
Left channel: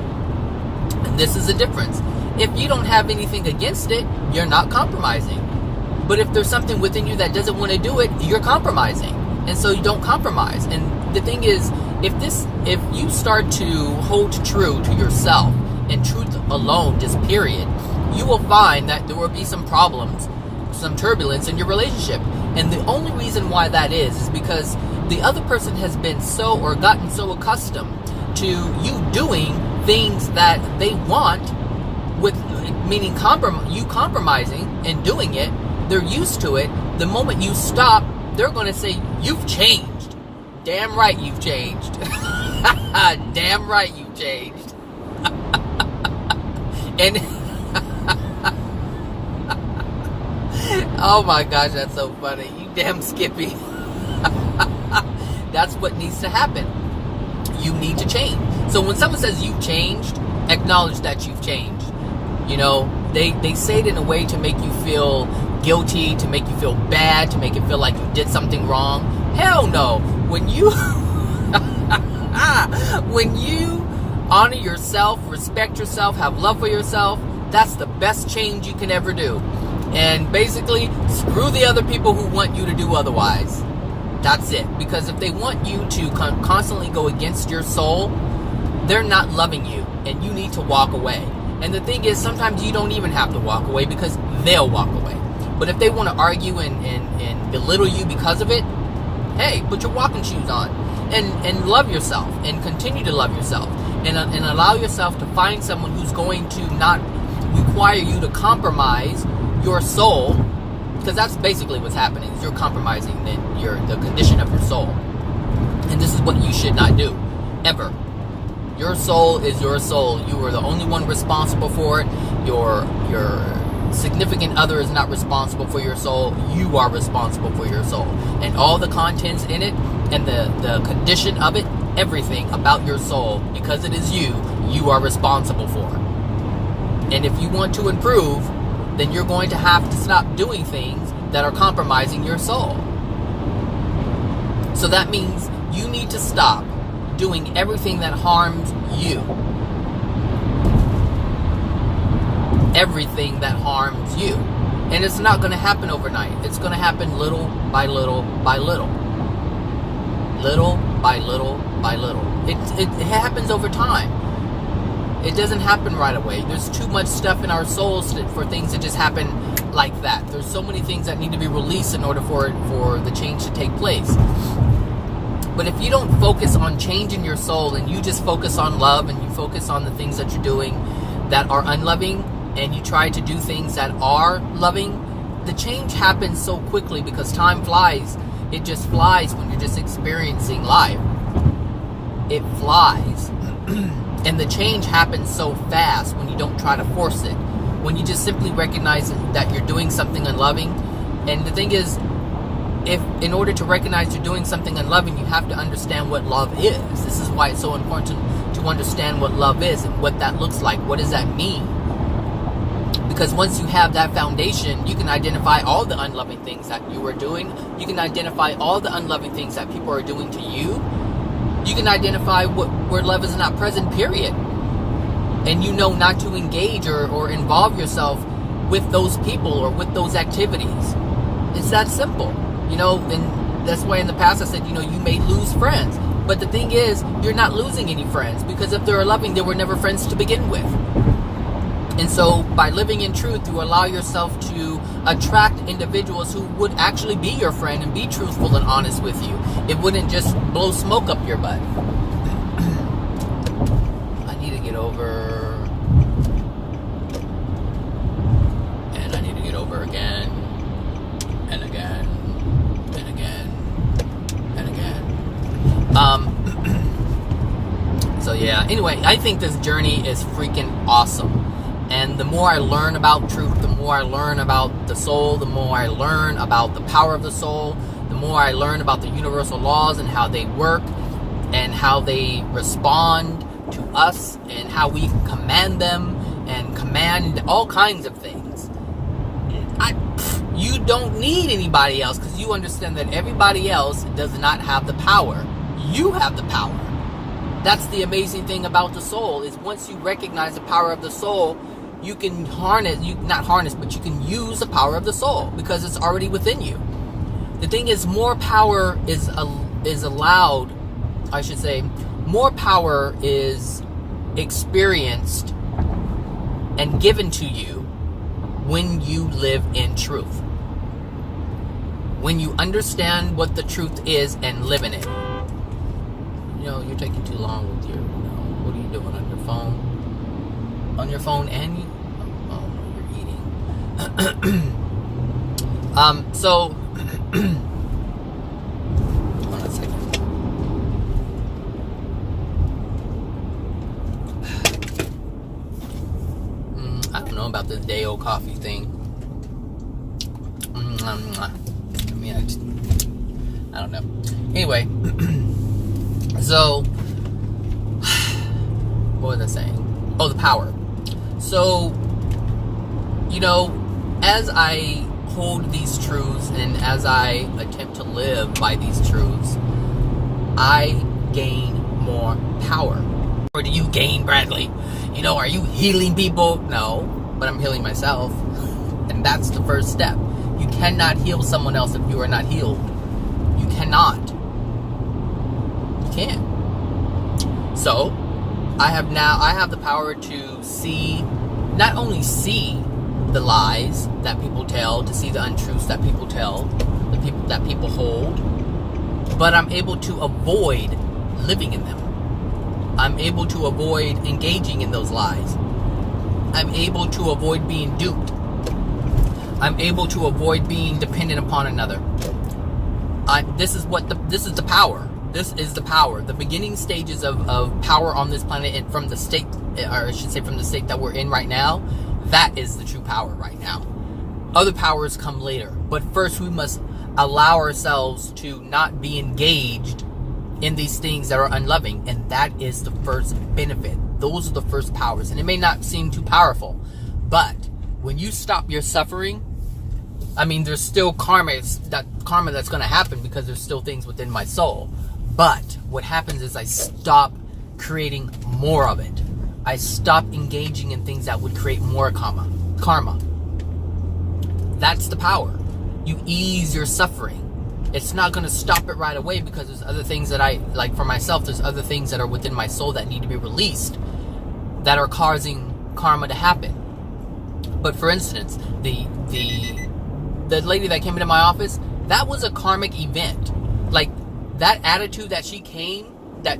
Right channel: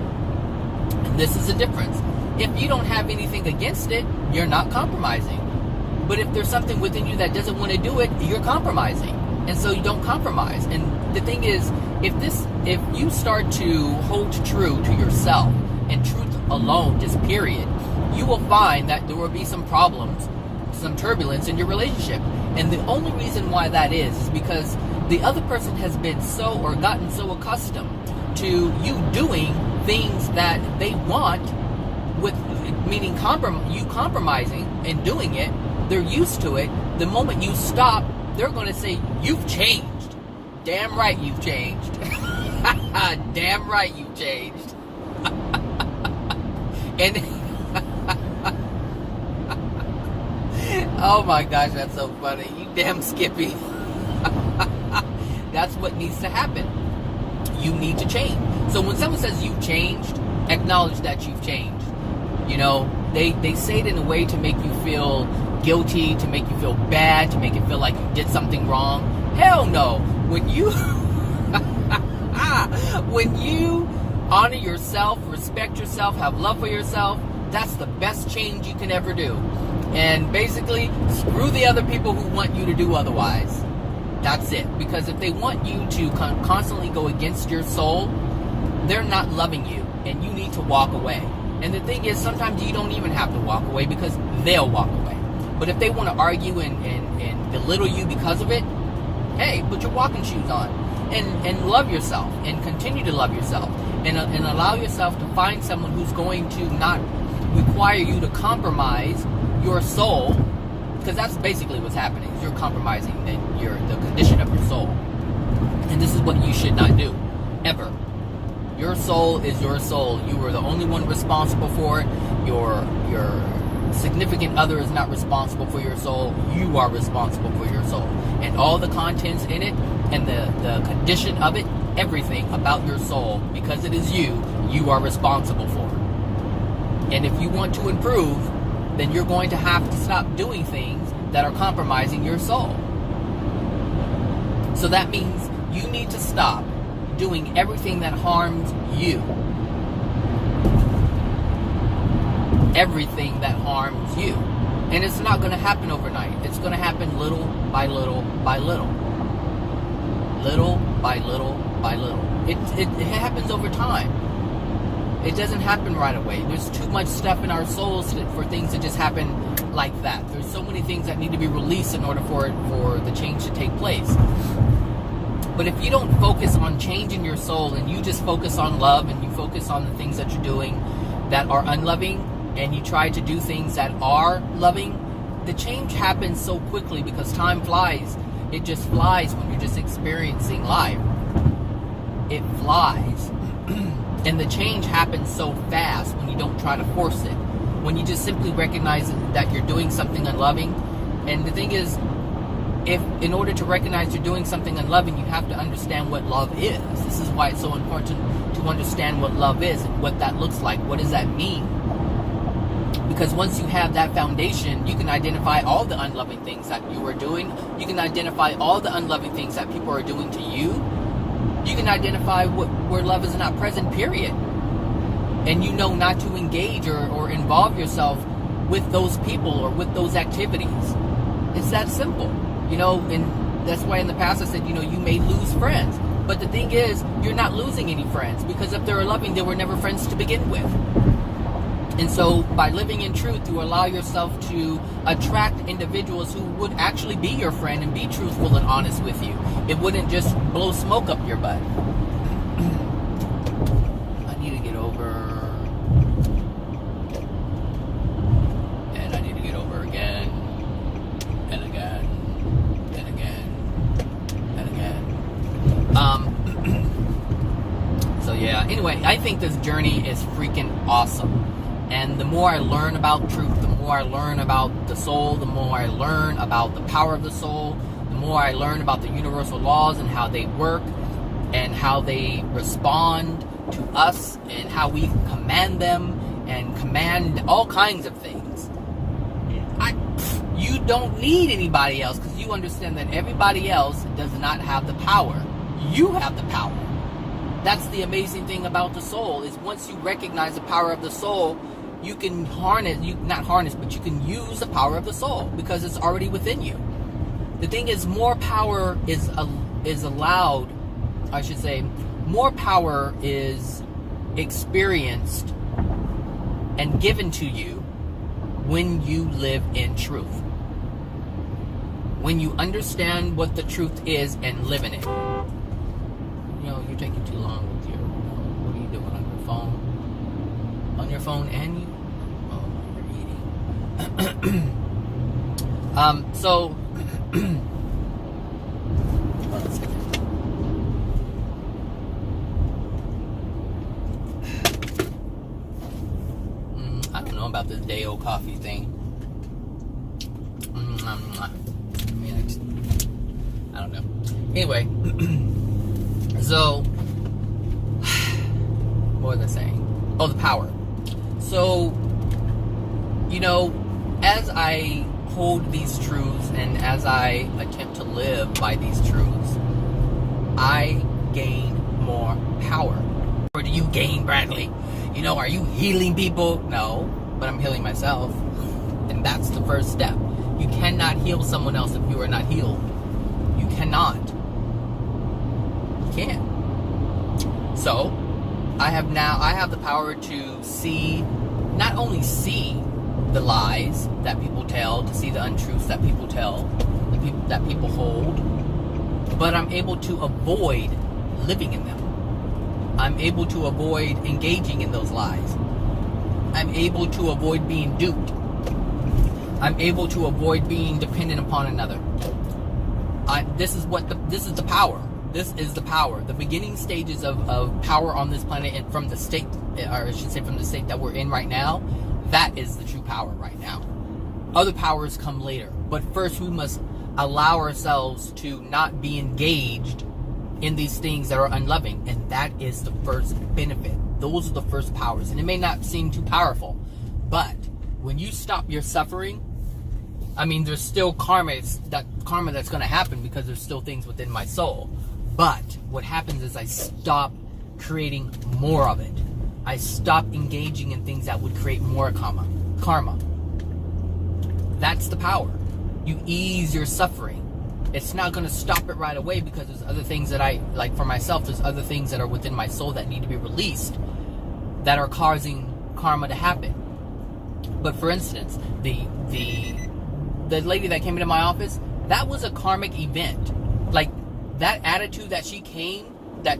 And this is the difference. If you don't have anything against it, you're not compromising. But if there's something within you that doesn't want to do it, you're compromising. And so you don't compromise. And the thing is, if you start to hold true to yourself and truth alone, just period, you will find that there will be some problems, some turbulence in your relationship. And the only reason why that is because the other person has been so, or gotten so accustomed to you doing things that they want, with meaning you compromising and doing it. They're used to it. The moment you stop, they're going to say, you've changed. Damn right you've changed. Damn right you've changed. And oh my gosh, that's so funny. You damn Skippy. That's what needs to happen. You need to change. So when someone says you've changed, acknowledge that you've changed. You know, they say it in a way to make you feel guilty, to make you feel bad, to make it feel like you did something wrong. Hell no. When you when you honor yourself, respect yourself, have love for yourself, that's the best change you can ever do. And basically, screw the other people who want you to do otherwise. That's it. Because if they want you to constantly go against your soul, they're not loving you, and you need to walk away. And the thing is, sometimes you don't even have to walk away because they'll walk away. But if they want to argue and belittle you because of it, hey, put your walking shoes on and love yourself, and continue to love yourself, and allow yourself to find someone who's going to not require you to compromise your soul, because that's basically what's happening. Is you're compromising the condition of your soul, and this is what you should not do ever. Your soul is your soul. You are the only one responsible for it. Your significant other is not responsible for your soul. You are responsible for your soul, and all the contents in it, and the condition of it, everything about your soul, because it is you are responsible for. And if you want to improve, then you're going to have to stop doing things that are compromising your soul. So that means you need to stop doing everything that harms you. Everything that harms you. And it's not going to happen overnight. It's going to happen little by little by little. Little by little by little. It happens over time. It doesn't happen right away. There's too much stuff in our souls for things to just happen like that. There's so many things that need to be released in order for the change to take place. But if you don't focus on changing your soul, and you just focus on love, and you focus on the things that you're doing that are unloving, and you try to do things that are loving, the change happens so quickly because time flies. It just flies when you're just experiencing life. It flies. And the change happens so fast when you don't try to force it. When you just simply recognize that you're doing something unloving. And the thing is, if in order to recognize you're doing something unloving, you have to understand what love is. This is why it's so important to understand what love is and what that looks like. What does that mean? Because once you have that foundation, you can identify all the unloving things that you are doing. You can identify all the unloving things that people are doing to you. You can identify where love is not present, period. And you know not to engage or involve yourself with those people or with those activities. It's that simple. You know, and that's why in the past I said, you know, you may lose friends. But the thing is, you're not losing any friends, because if they're loving, they were never friends to begin with. And so by living in truth, you allow yourself to attract individuals who would actually be your friend and be truthful and honest with you. It wouldn't just blow smoke up your butt. over. And I need to get over again. And again. And again. And again. So yeah, anyway, I think this journey is freaking awesome. And the more I learn about truth, the more I learn about the soul, the more I learn about the power of the soul, the more I learn about the universal laws and how they work and how they respond to us and how we command them and command all kinds of things. You don't need anybody else because you understand that everybody else does not have the power. You have the power. That's the amazing thing about the soul, is once you recognize the power of the soul, you can but you can use the power of the soul because it's already within you. The thing is, more power is allowed, I should say, more power is experienced and given to you when you live in truth. When you understand what the truth is and live in it. You know, you're taking too long with your, what are you doing on your phone? On your phone and you, oh, you're eating. So, hold on a second. I don't know about this day-old coffee thing. I mean, I don't know. Anyway, so, what was I saying? Oh, the power. So, you know, as I hold these truths and as I attempt to live by these truths, I gain more power. Or do you gain, Bradley? You know, are you healing people? No, but I'm healing myself. And that's the first step. You cannot heal someone else if you are not healed. You cannot. You can't. So, I have the power to see, not only see the lies that people tell, to see the untruths that people tell, that people hold, but I'm able to avoid living in them. I'm able to avoid engaging in those lies. I'm able to avoid being duped. I'm able to avoid being dependent upon another. This is the power. This is the power. The beginning stages of power on this planet, and from the state, or I should say from the state that we're in right now, that is the true power right now. Other powers come later. But first we must allow ourselves to not be engaged in these things that are unloving. And that is the first benefit. Those are the first powers. And it may not seem too powerful, but when you stop your suffering, I mean, there's still karma that's going to happen because there's still things within my soul. But what happens is I stop creating more of it. I stop engaging in things that would create more karma. That's the power. You ease your suffering. It's not going to stop it right away because there's other things that like for myself, there's other things that are within my soul that need to be released that are causing karma to happen. But for instance, the lady that came into my office, that was a karmic event. Like, that attitude that she came, the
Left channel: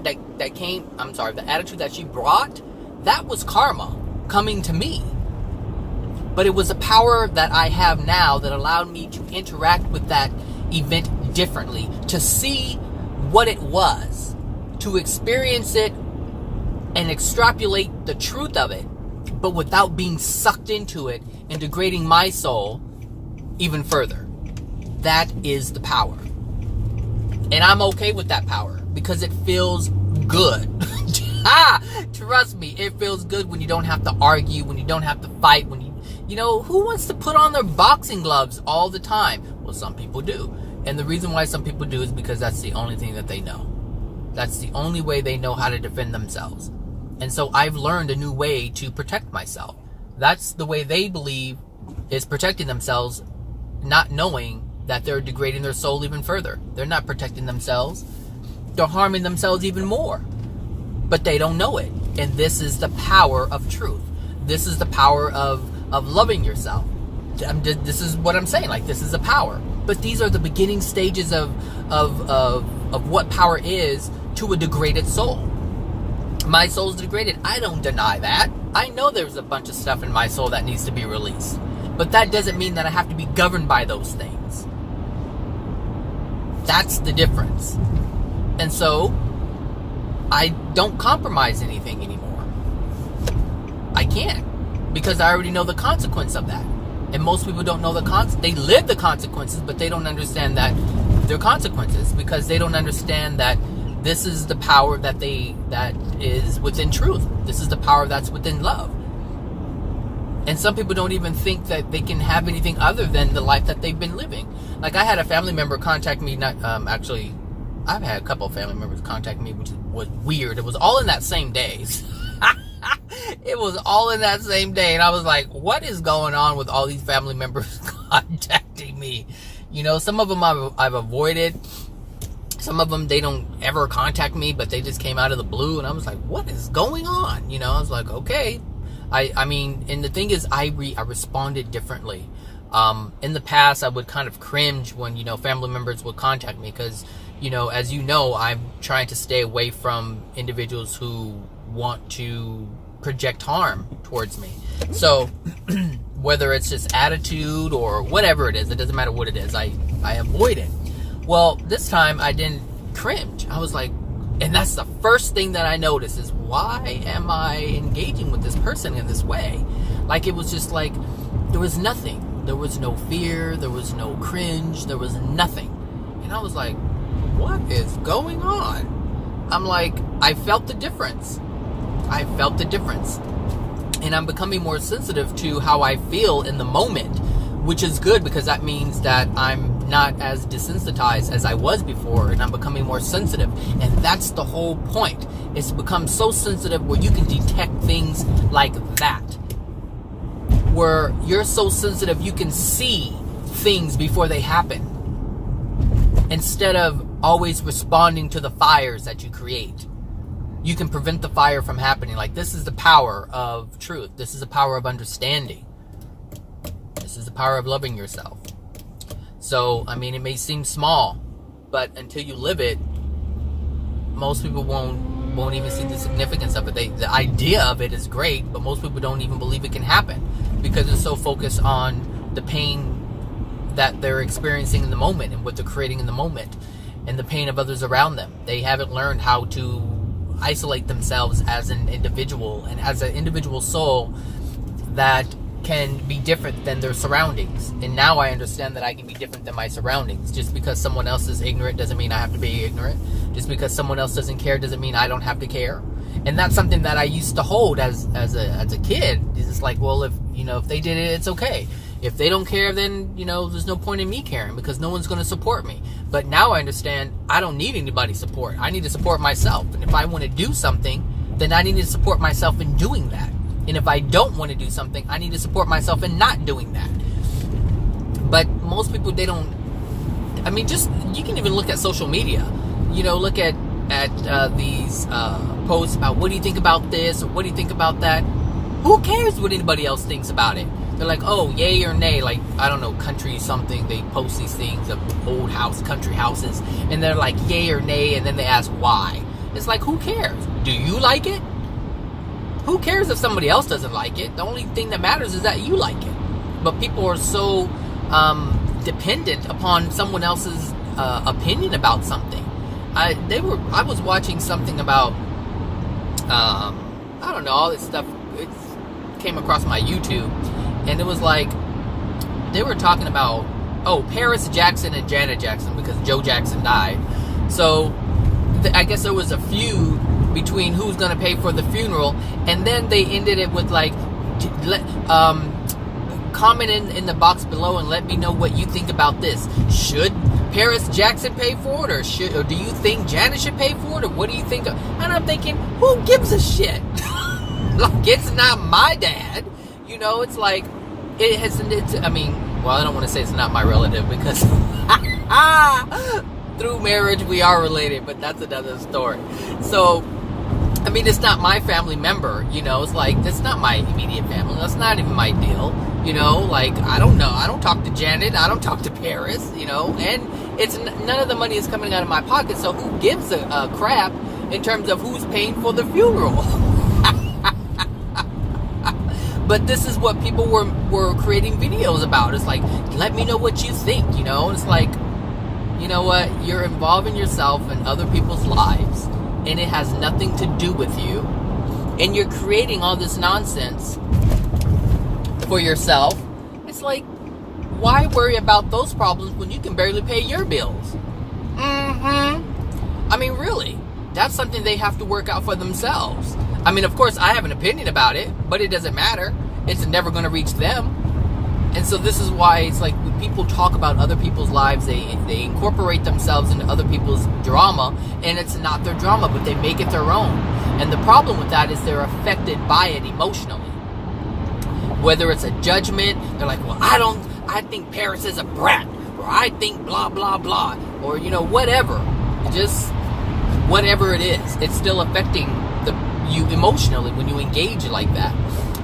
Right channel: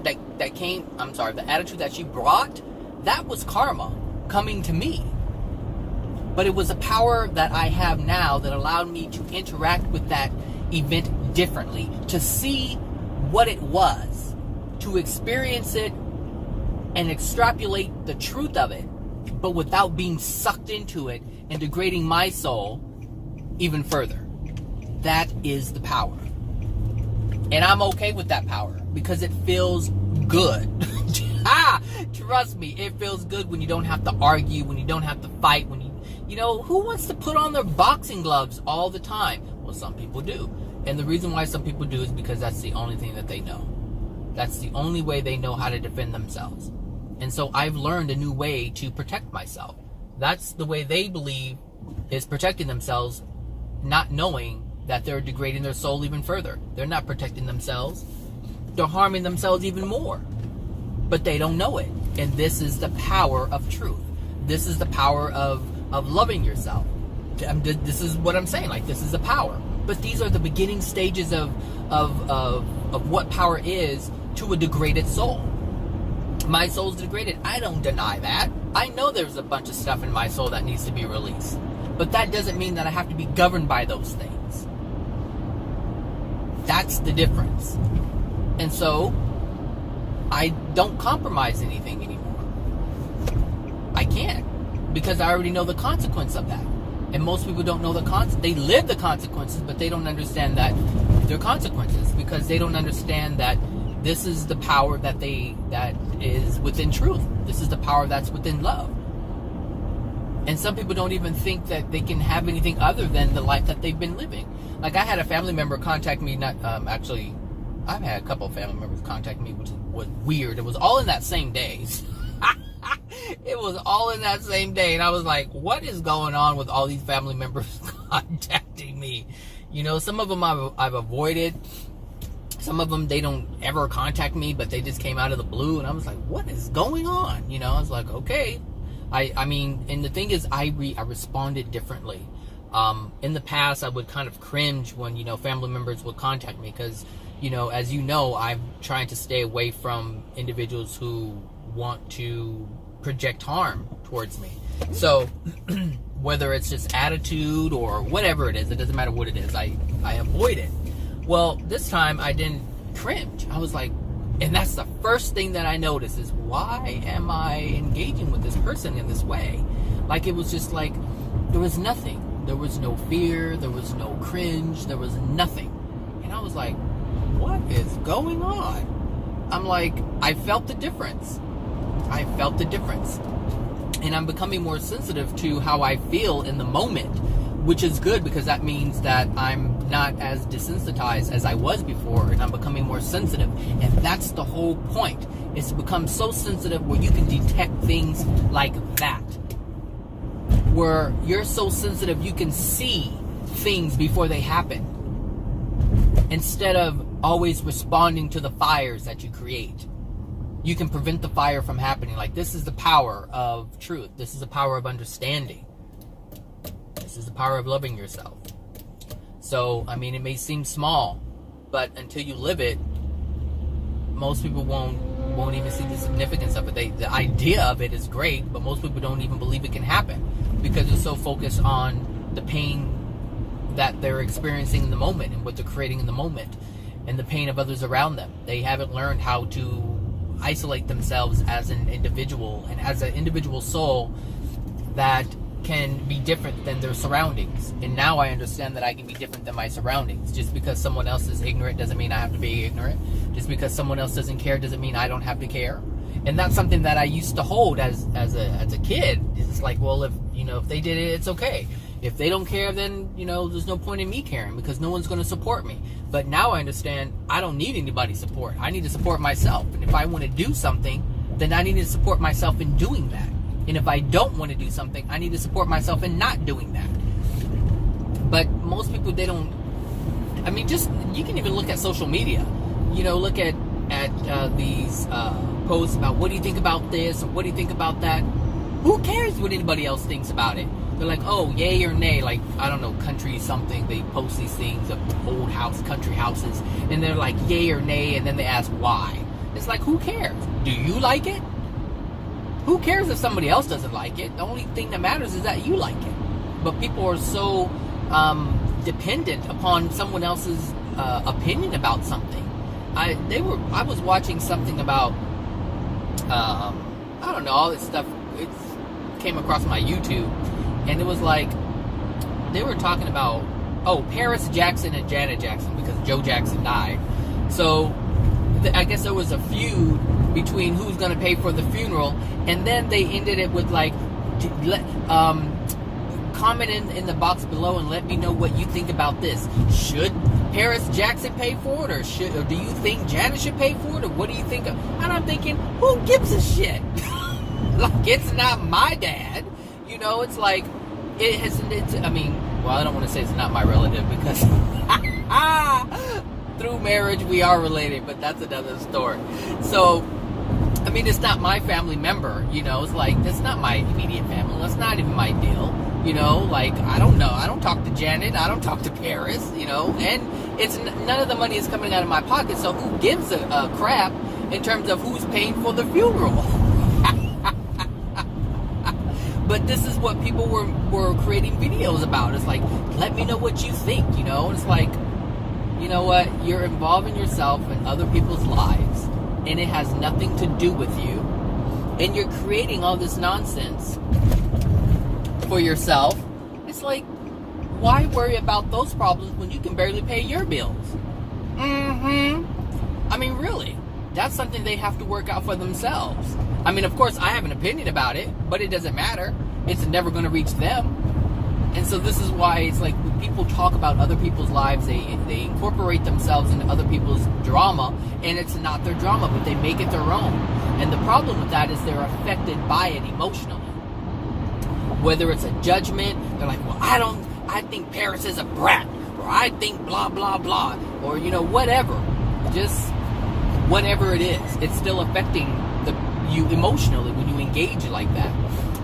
attitude that she brought, that was karma coming to me. But it was a power that I have now that allowed me to interact with that event differently, to see what it was, to experience it and extrapolate the truth of it, but without being sucked into it and degrading my soul even further. That is the power. And I'm okay with that power because it feels good. Trust me, it feels good when you don't have to argue, when you don't have to fight, you know, who wants to put on their boxing gloves all the time? Well, some people do. And the reason why some people do is because that's the only thing that they know. That's the only way they know how to defend themselves. And so I've learned a new way to protect myself. That's the way they believe is protecting themselves, not knowing that they're degrading their soul even further. They're not protecting themselves. They're harming themselves even more. But they don't know it. And this is the power of truth. This is the power of loving yourself. This is what I'm saying. Like, this is the power. But these are the beginning stages of what power is to a degraded soul. My soul's degraded. I don't deny that. I know there's a bunch of stuff in my soul that needs to be released. But that doesn't mean that I have to be governed by those things. That's the difference. And so, I don't compromise anything anymore. I can't. Because I already know the consequence of that. And most people don't know they live the consequences, but they don't understand that they're consequences, because they don't understand that this is the power that is within truth. This is the power that's within love. And some people don't even think that they can have anything other than the life that they've been living. Like, I had a family member contact me, actually, I've had a couple of family members contact me, which was weird. It was all in that same day. It was all in that same day. And I was like, what is going on with all these family members contacting me? You know, some of them I've avoided. Some of them, they don't ever contact me, but they just came out of the blue. And I was like, what is going on? You know, I was like, okay. I mean, and the thing is, I responded differently. In the past, I would kind of cringe when, you know, family members would contact me, because, you know, as you know, I'm trying to stay away from individuals who want to project harm towards me. So whether it's just attitude or whatever it is, it doesn't matter what it is, I avoid it. Well, this time I didn't cringe. I was like, and that's the first thing that I noticed is, why am I engaging with this person in this way? Like, it was just like, there was nothing. There was no fear. There was no cringe. There was nothing. And I was like, what is going on? I'm like, I felt the difference. I felt the difference. And I'm becoming more sensitive to how I feel in the moment, which is good, because that means that I'm not as desensitized as I was before, and I'm becoming more sensitive. And that's the whole point, is to become so sensitive where you can detect things like that. Where you're so sensitive you can see things before they happen, instead of always responding to the fires that you create. You can prevent the fire from happening. Like, this is the power of truth. This is the power of understanding. This is the power of loving yourself. So, I mean, it may seem small, but until you live it, most people won't even see the significance of it. The idea of it is great, but most people don't even believe it can happen, because they're so focused on the pain that they're experiencing in the moment and what they're creating in the moment, and the pain of others around them. They haven't learned how to isolate themselves as an individual, and as an individual soul that can be different than their surroundings. And now I understand that I can be different than my surroundings. Just because someone else is ignorant doesn't mean I have to be ignorant. Just because someone else doesn't care doesn't mean I don't have to care. And that's something that I used to hold as a kid. It's like, well, if they did it, it's okay. If they don't care, then, there's no point in me caring, because no one's going to support me. But now I understand I don't need anybody's support. I need to support myself. And if I want to do something, then I need to support myself in doing that. And if I don't want to do something, I need to support myself in not doing that. But most people, they don't. I mean, you can even look at social media. Look at these posts about, what do you think about this, or what do you think about that? Who cares what anybody else thinks about it? They're like, oh, yay or nay. Like, I don't know, country something. They post these things of old country houses, and they're like, yay or nay, and then they ask why. It's like, who cares? Do you like it? Who cares if somebody else doesn't like it? The only thing that matters is that you like it. But people are so dependent upon someone else's opinion about something. I was watching something about I don't know, all this stuff. It came across my YouTube, and it was like they were talking about Paris Jackson and Janet Jackson, because Joe Jackson died. So I guess there was a feud between who's going to pay for the funeral, and then they ended it with like, comment in the box below and let me know what you think about this. Should Paris Jackson pay for it, or do you think Janet should pay for it, or what do you think? And I'm thinking, who gives a shit? Like, it's not my dad. It's like, I mean, well, I don't want to say it's not my relative, because through marriage we are related, but that's another story. So, I mean, it's not my family member, it's like, that's not my immediate family, that's not even my deal, like, I don't know, I don't talk to Janet, I don't talk to Paris, and it's none of the money is coming out of my pocket, so who gives a crap in terms of who's paying for the funeral. But this is what people were creating videos about. It's like, let me know what you think, you know? And it's like, you know what? You're involving yourself in other people's lives, and it has nothing to do with you. And you're creating all this nonsense for yourself. It's like, why worry about those problems when you can barely pay your bills? I mean, really, that's something they have to work out for themselves. I mean, of course, I have an opinion about it, but it doesn't matter. It's never going to reach them. And so this is why it's like when people talk about other people's lives, they incorporate themselves into other people's drama, and it's not their drama, but they make it their own. And the problem with that is they're affected by it emotionally. Whether it's a judgment, they're like, well, I think Paris is a brat, or I think blah, blah, blah, or, you know, whatever. Just whatever it is, it's still affecting you emotionally when you engage like that.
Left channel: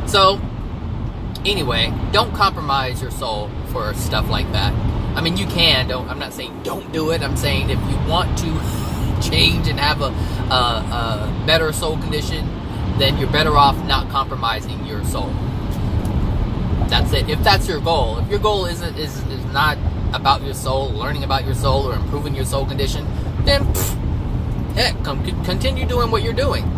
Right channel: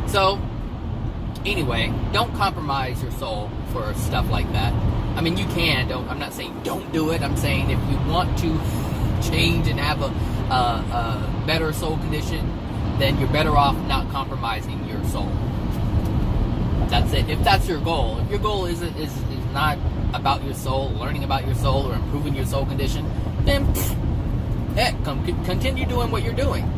So, anyway, don't compromise your soul for stuff like that. I mean, you can. I'm not saying don't do it. I'm saying if you want to change and have a better soul condition, then you're better off not compromising your soul. That's it. If that's your goal. If your goal is not about your soul, learning about your soul, or improving your soul condition, then continue doing what you're doing.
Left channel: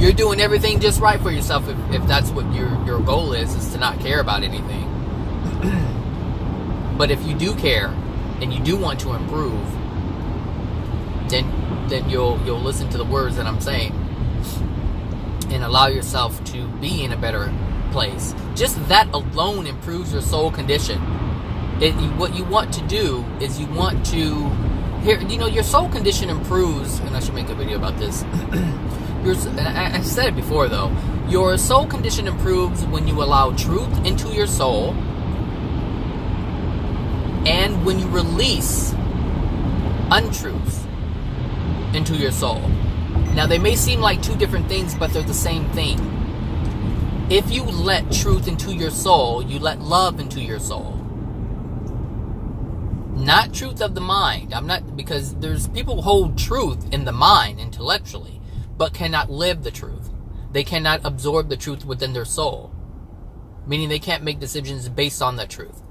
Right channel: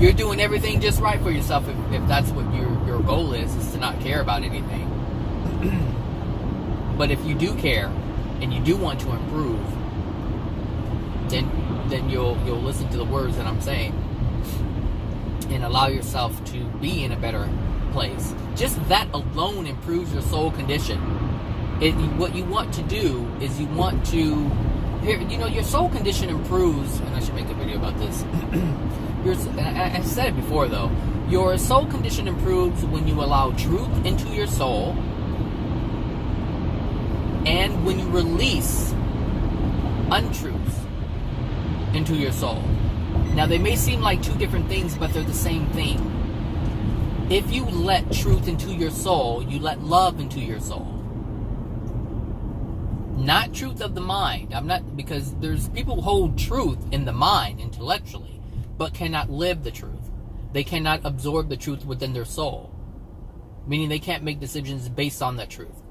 You're doing everything just right for yourself if that's what your goal is to not care about anything. But if you do care and you do want to improve, then you'll listen to the words that I'm saying and allow yourself to be in a better place. Just that alone improves your soul condition. What you want to do is you want to your soul condition improves, and I should make a video about this. I said it before though. Your soul condition improves when you allow truth into your soul, and when you release untruths into your soul. Now they may seem like two different things, but they're the same thing. If you let truth into your soul, you let love into your soul. Not truth of the mind. Because there's people who hold truth in the mind intellectually, but cannot live the truth. They cannot absorb the truth within their soul. Meaning they can't make decisions based on that truth.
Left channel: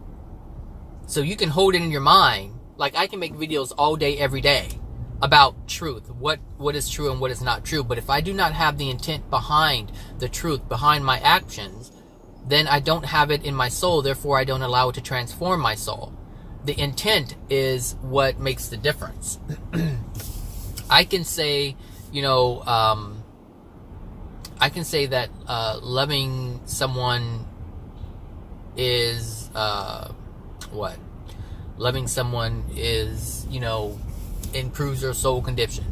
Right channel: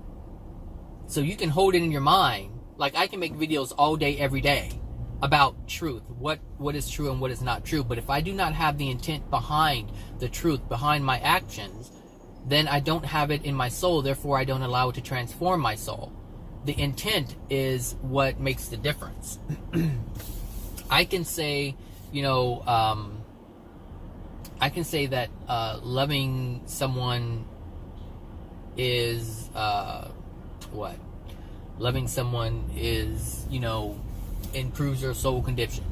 So you can hold it in your mind. Like I can make videos all day, every day about truth. What is true and what is not true. But if I do not have the intent behind the truth, behind my actions, then I don't have it in my soul. Therefore, I don't allow it to transform my soul. The intent is what makes the difference. I can say, I can say that loving someone is loving someone is, improves your soul condition.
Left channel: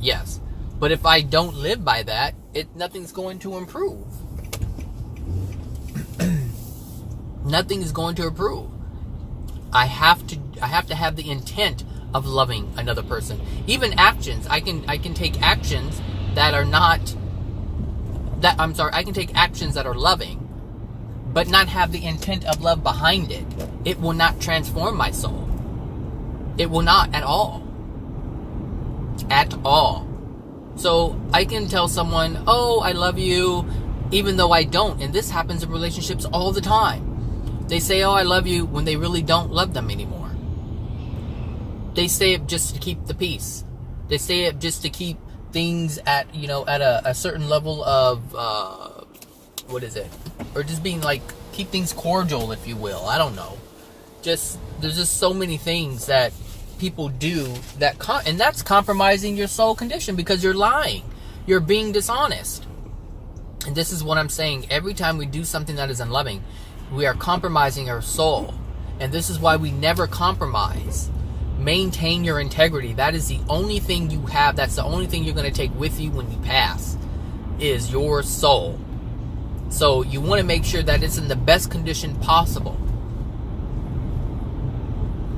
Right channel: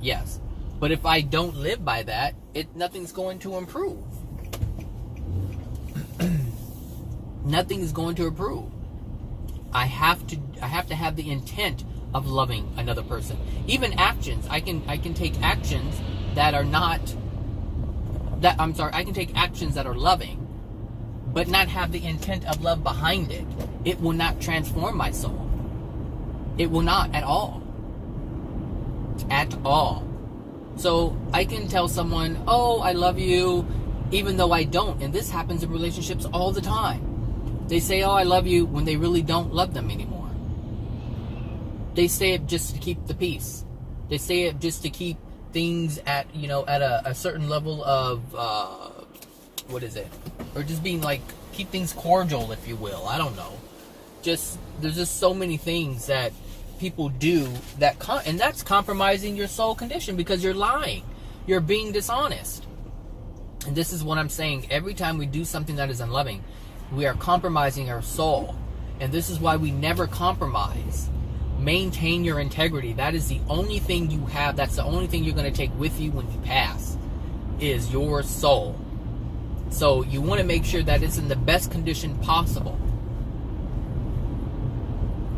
Yes. But if I don't live by that, nothing's going to improve. Nothing is going to improve. I have to have the intent of loving another person. Even actions. I can take actions that are not I can take actions that are loving, but not have the intent of love behind it. It will not transform my soul. It will not at all. At all. So I can tell someone, oh, I love you, even though I don't. And this happens in relationships all the time. They say, oh, I love you, when they really don't love them anymore. They say it just to keep the peace. They say it just to keep things at a certain level of, or just being like, keep things cordial, if you will. I don't know. There's just so many things that people do and that's compromising your soul condition because you're lying. You're being dishonest. And this is what I'm saying. Every time we do something that is unloving, we are compromising our soul. And this is why we never compromise. Maintain your integrity. That is the only thing you have. That's the only thing you're going to take with you when you pass, is your soul. So you want to make sure that it's in the best condition possible.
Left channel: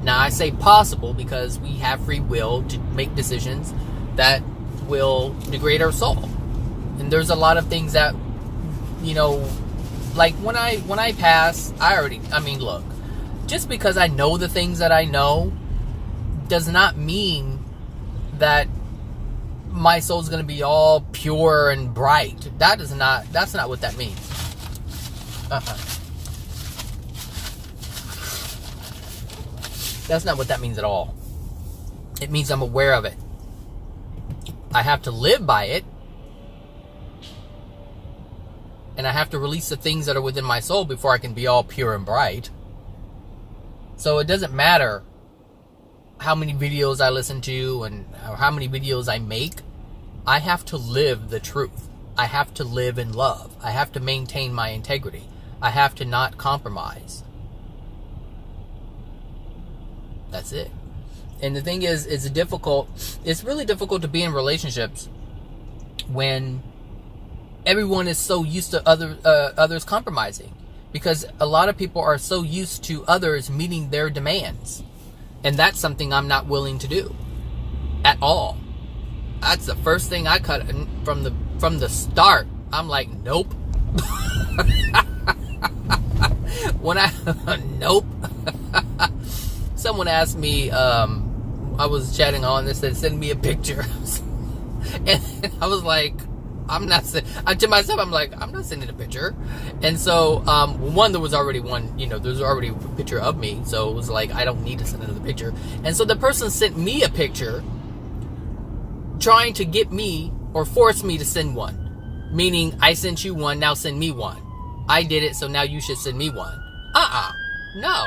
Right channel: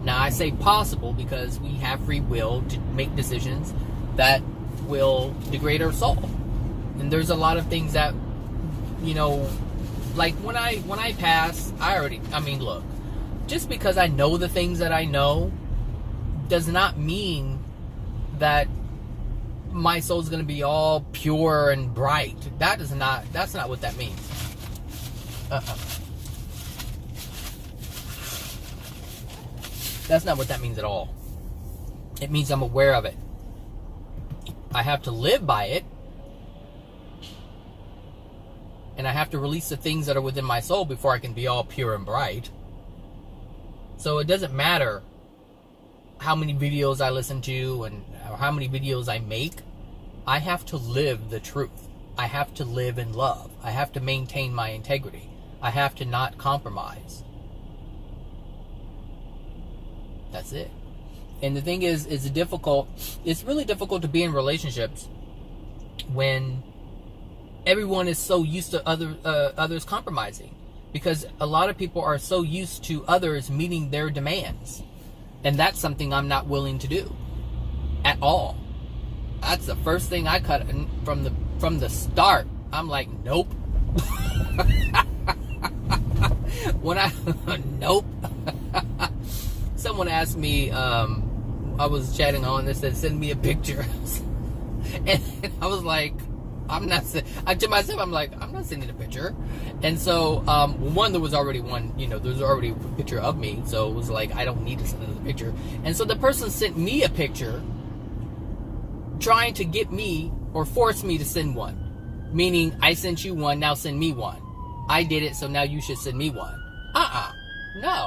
Now I say possible because we have free will to make decisions that will degrade our soul. And there's a lot of things that, like when I pass, look, just because I know the things that I know does not mean that my soul's going to be all pure and bright. That's not what that means. That's not what that means at all. It means I'm aware of it. I have to live by it. And I have to release the things that are within my soul before I can be all pure and bright. So it doesn't matter how many videos I listen to and how many videos I make. I have to live the truth. I have to live in love. I have to maintain my integrity. I have to not compromise. That's it. And the thing is, it's really difficult to be in relationships when everyone is so used to others compromising, because a lot of people are so used to others meeting their demands, and that's something I'm not willing to do at all. That's the first thing I cut from the start. I'm like, nope. Nope. Someone asked me, I was chatting on this, and send me a picture, and I was like, to myself, I'm like, I'm not sending a picture. And so, one, there was already there's already a picture of me. So it was like, I don't need to send another picture. And so the person sent me a picture trying to get me or force me to send one. Meaning, I sent you one, now send me one. I did it, so now you should send me one. No.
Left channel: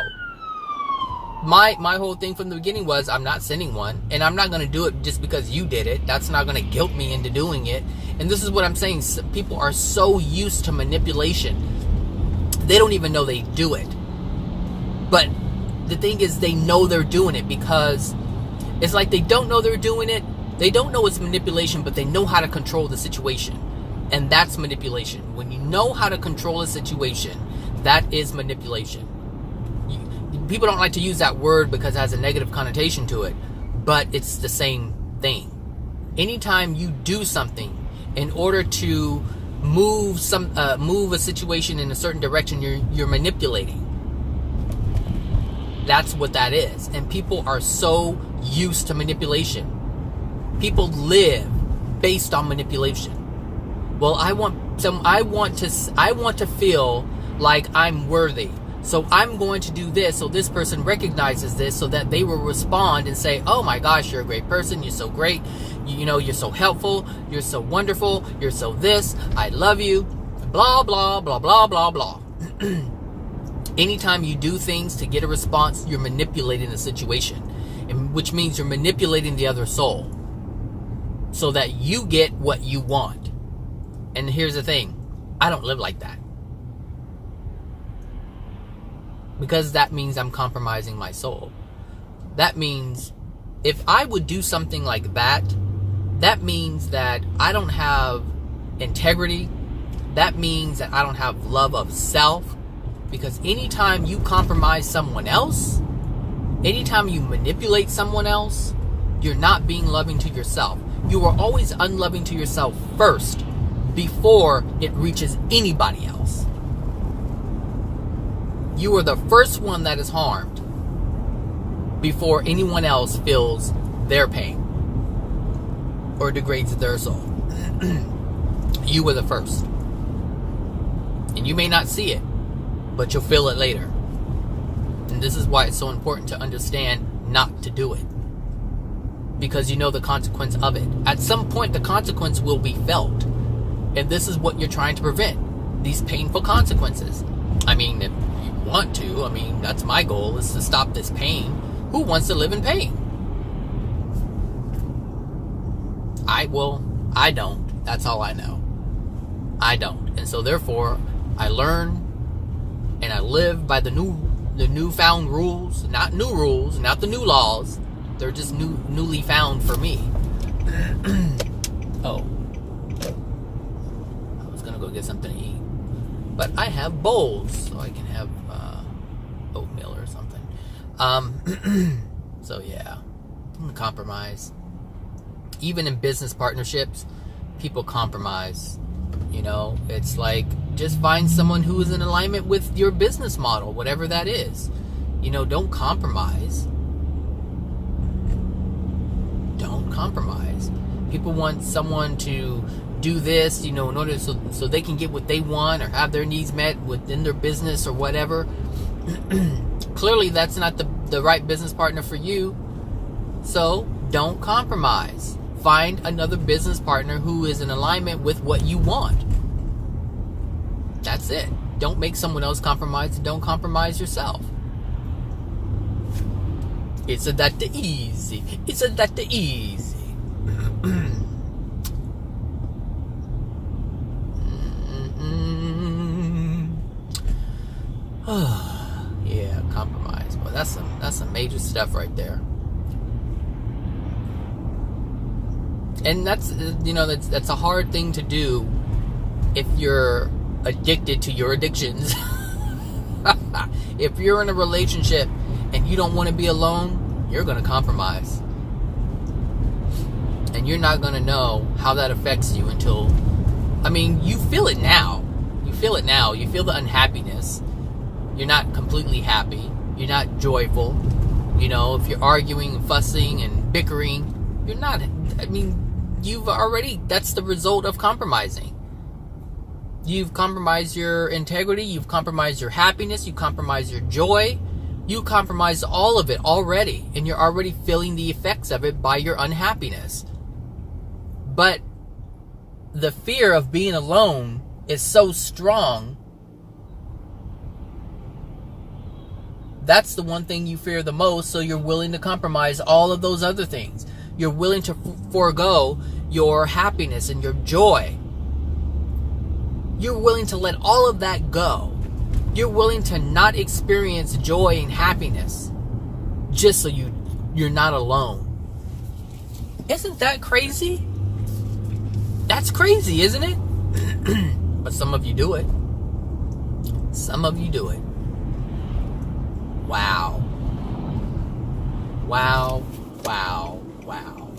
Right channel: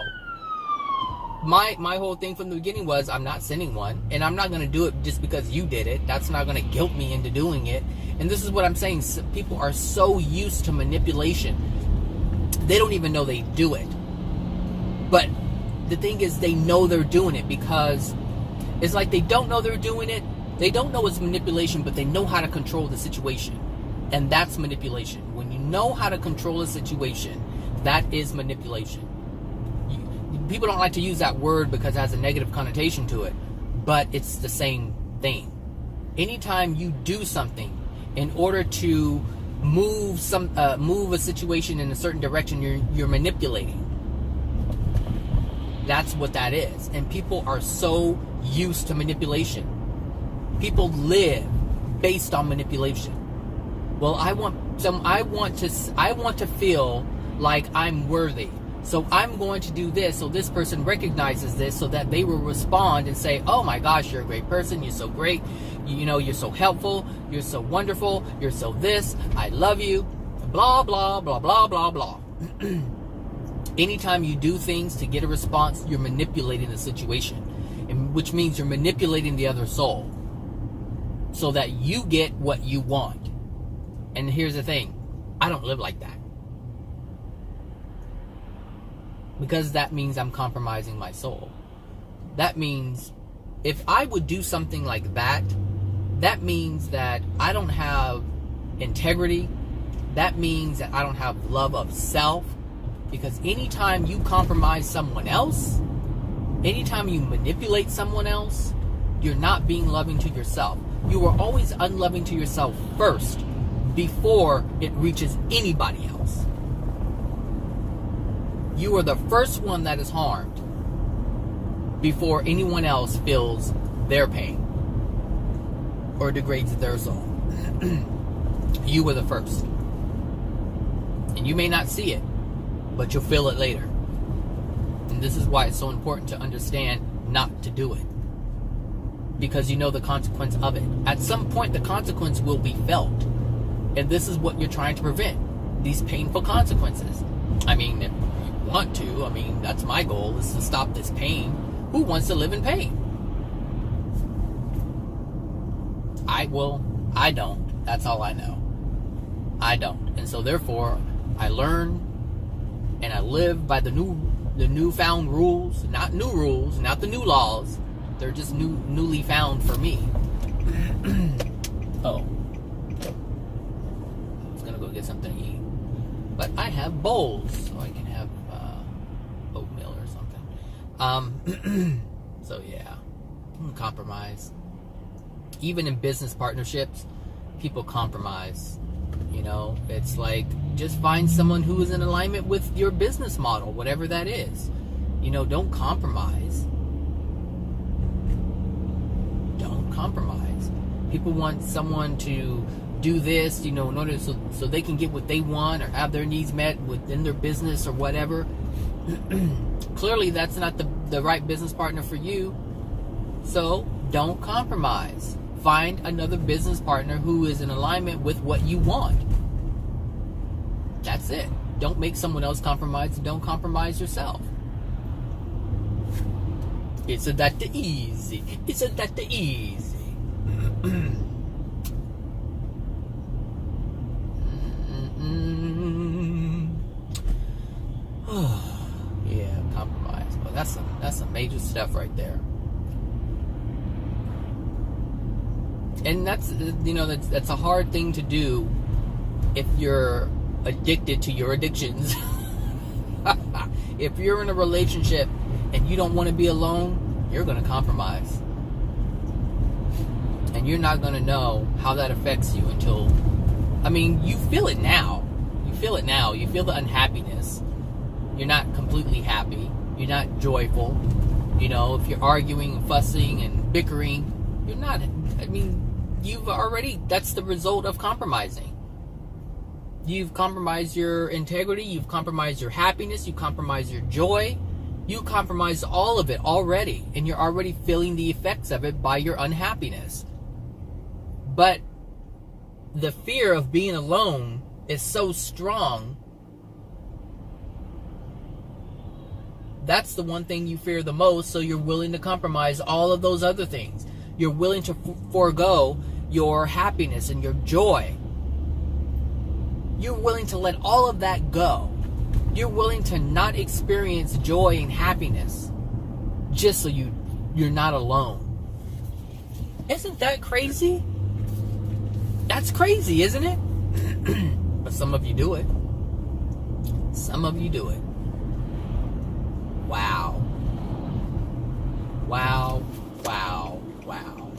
My whole thing from the beginning was, I'm not sending one, and I'm not going to do it just because you did it. That's not going to guilt me into doing it. And this is what I'm saying. People are so used to manipulation, they don't even know they do it. But the thing is, they know they're doing it, because it's like they don't know they're doing it. They don't know it's manipulation, but they know how to control the situation. And that's manipulation. When you know how to control a situation, that is manipulation. People don't like to use that word because it has a negative connotation to it, but it's the same thing. Anytime you do something in order to move a situation in a certain direction, you're manipulating. That's what that is. And people are so used to manipulation. People live based on manipulation. Well, I want to feel like I'm worthy. So I'm going to do this so this person recognizes this, so that they will respond and say, oh my gosh, you're a great person, you're so great, you're so helpful, you're so wonderful, you're so this, I love you, blah, blah, blah, blah, blah, blah. Anytime you do things to get a response, you're manipulating the situation, which means you're manipulating the other soul so that you get what you want. And here's the thing, I don't live like that. Because that means I'm compromising my soul. That means if I would do something like that, that means that I don't have integrity. That means that I don't have love of self. Because anytime you compromise someone else, anytime you manipulate someone else, you're not being loving to yourself. You are always unloving to yourself first before it reaches anybody else. You are the first one that is harmed before anyone else feels their pain or degrades their soul. You were the first. And you may not see it, but you'll feel it later. And this is why it's so important to understand not to do it. Because you know the consequence of it. At some point, the consequence will be felt. And this is what you're trying to prevent. These painful consequences. I mean, if you want to, that's my goal, is to stop this pain. Who wants to live in pain? I don't. That's all I know. I don't. And so therefore, I learn and I live by the newfound rules, not new rules, not the new laws. They're just newly found for me. Oh. I was gonna go get something to eat. But I have bowls, so I can have oatmeal or something. So yeah, I'm gonna compromise. Even in business partnerships, people compromise. It's like, just find someone who is in alignment with your business model, whatever that is. Don't compromise. Don't compromise. People want someone to do this, in order so they can get what they want or have their needs met within their business or whatever. Clearly, that's not the right business partner for you. So don't compromise. Find another business partner who is in alignment with what you want. That's it. Don't make someone else compromise, and don't compromise yourself. It's that easy. It's that easy. Yeah, compromise. Well, that's some major stuff right there. And that's that's a hard thing to do if you're addicted to your addictions. If you're in a relationship and you don't want to be alone, you're going to compromise. And you're not going to know how that affects you until, you feel it now. You feel it now. You feel the unhappiness. You're not completely happy. You're not joyful. If you're arguing, fussing, and bickering, you're not, that's the result of compromising. You've compromised your integrity, you've compromised your happiness, you've compromised your joy, you compromised all of it already, and you're already feeling the effects of it by your unhappiness. But the fear of being alone is so strong. That's the one thing you fear the most, so you're willing to compromise all of those other things. You're willing to forego your happiness and your joy. You're willing to let all of that go. You're willing to not experience joy and happiness just so you're not alone. Isn't that crazy? That's crazy, isn't it? But some of you do it. Some of you do it. Wow. Wow. Wow. Wow.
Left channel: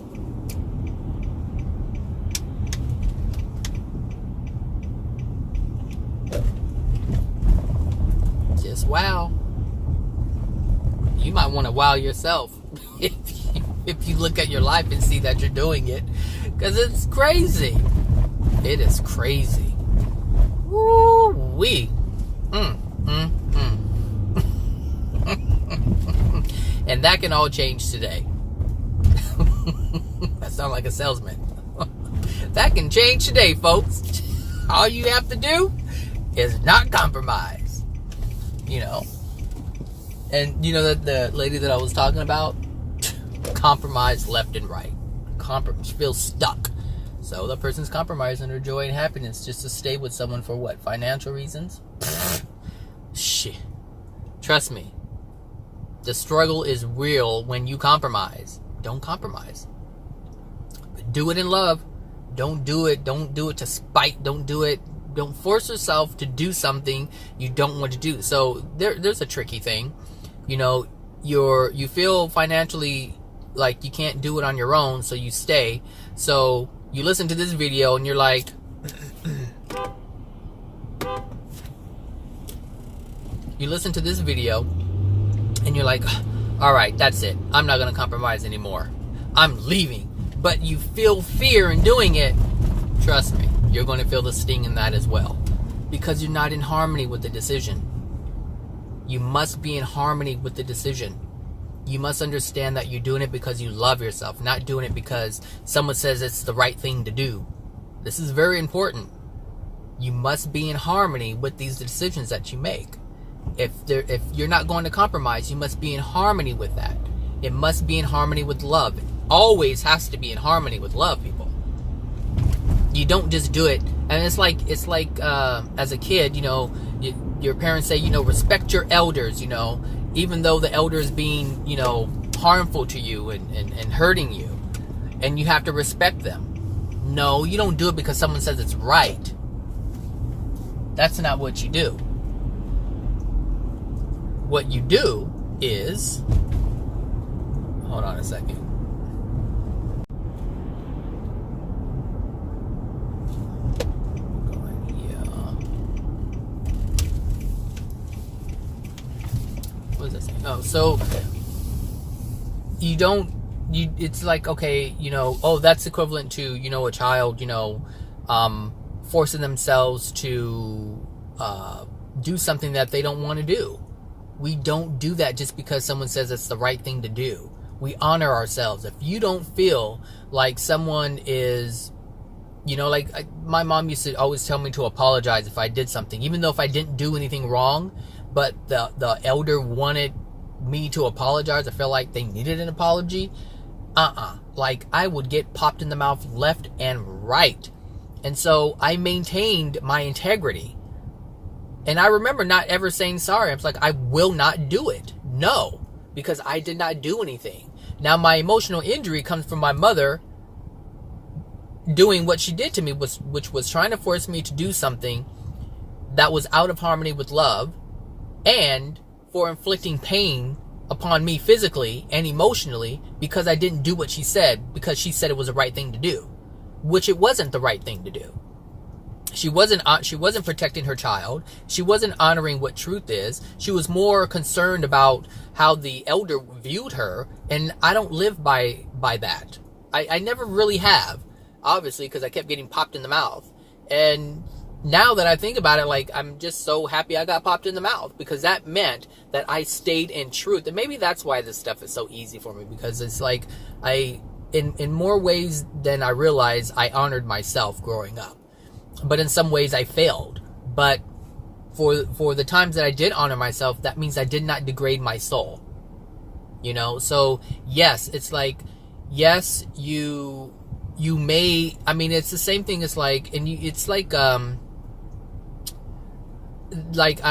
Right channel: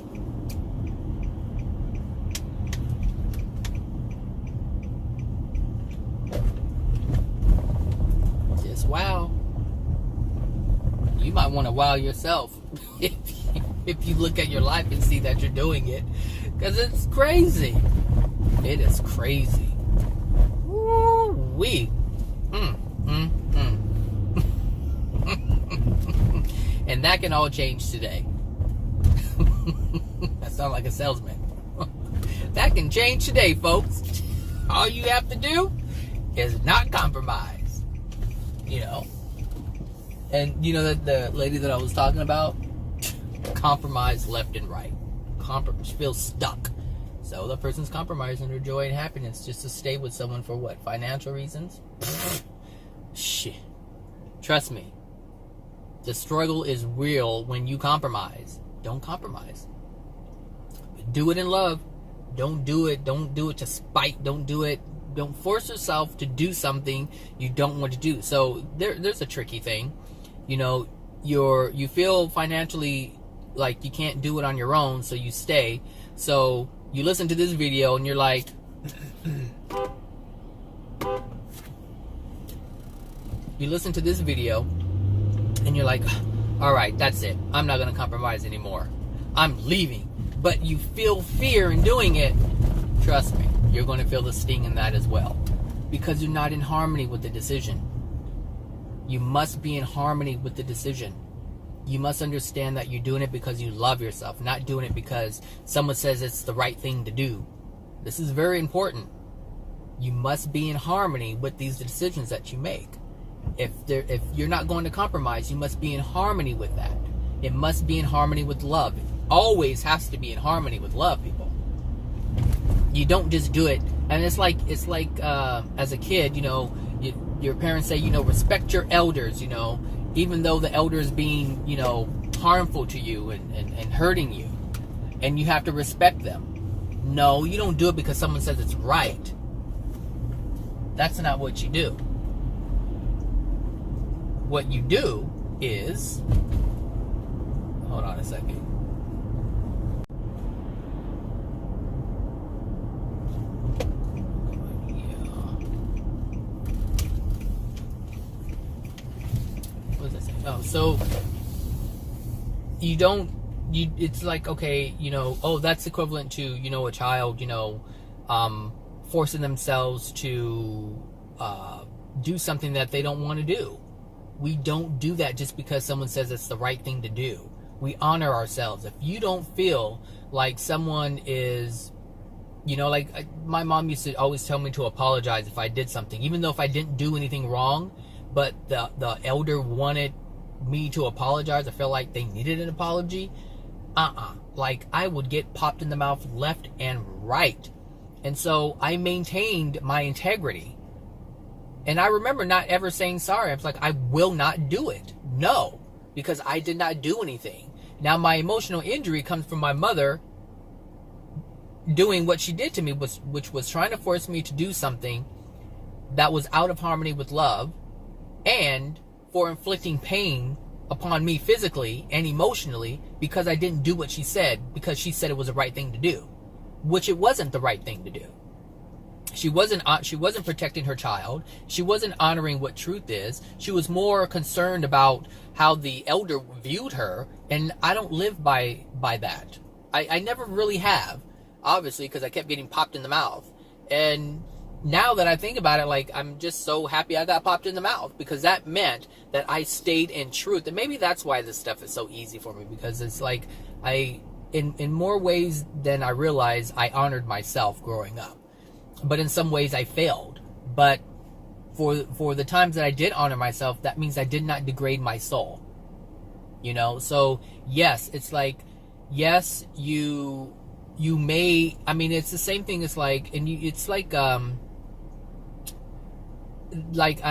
Just wow. You might want to wow yourself if you look at your life and see that you're doing it, because it's crazy. It is crazy. Woo-wee. And that can all change today. That sounds like a salesman. That can change today, folks. All you have to do is not compromise. And the lady that I was talking about, compromise left and right. She feels stuck. So the person's compromising her joy and happiness just to stay with someone for what? Financial reasons? Shit. Trust me. The struggle is real when you compromise. Don't compromise. Do it in love. Don't do it to spite. Don't force yourself to do something you don't want to do. So there's a tricky thing. You feel financially like you can't do it on your own, so you stay. So you listen to this video and you're like, all right, that's it. I'm not going to compromise anymore. I'm leaving. But you feel fear in doing it. Trust me, you're going to feel the sting in that as well. Because you're not in harmony with the decision. You must be in harmony with the decision. You must understand that you're doing it because you love yourself, not doing it because someone says it's the right thing to do. This is very important. You must be in harmony with these decisions that you make. If you're not going to compromise, you must be in harmony with that. It must be in harmony with love. It always has to be in harmony with love, people. You don't just do it. And it's like as a kid, your parents say, respect your elders, even though the elder is being, harmful to you and hurting you. And you have to respect them. No, you don't do it because someone says it's right. That's not what you do. What you do is... Hold on a second. What is that saying? Oh, so you don't it's like, okay, oh, that's equivalent to, a child, forcing themselves to do something that they don't want to do. We don't do that just because someone says it's the right thing to do. We honor ourselves. If you don't feel like someone is, like my mom used to always tell me to apologize if I did something, even though if I didn't do anything wrong, but the elder wanted me to apologize. I felt like they needed an apology. Like I would get popped in the mouth left and right. And so I maintained my integrity. And I remember not ever saying sorry. I was like, I will not do it. No, because I did not do anything. Now my emotional injury comes from my mother doing what she did to me, which was trying to force me to do something that was out of harmony with love, and for inflicting pain upon me physically and emotionally because I didn't do what she said, because she said it was the right thing to do, which it wasn't the right thing to do. She wasn't protecting her child. She wasn't honoring what truth is. She was more concerned about how the elder viewed her, and I don't live by that. I never really have, obviously, because I kept getting popped in the mouth. And now that I think about it, like, I'm just so happy I got popped in the mouth, because that meant that I stayed in truth. And maybe that's why this stuff is so easy for me, because it's like in more ways than I realized, I honored myself growing up. But in some ways I failed. But for the times that I did honor myself, that means I did not degrade my soul. So yes, it's like, yes, you may, it's the same thing as like, and it's like I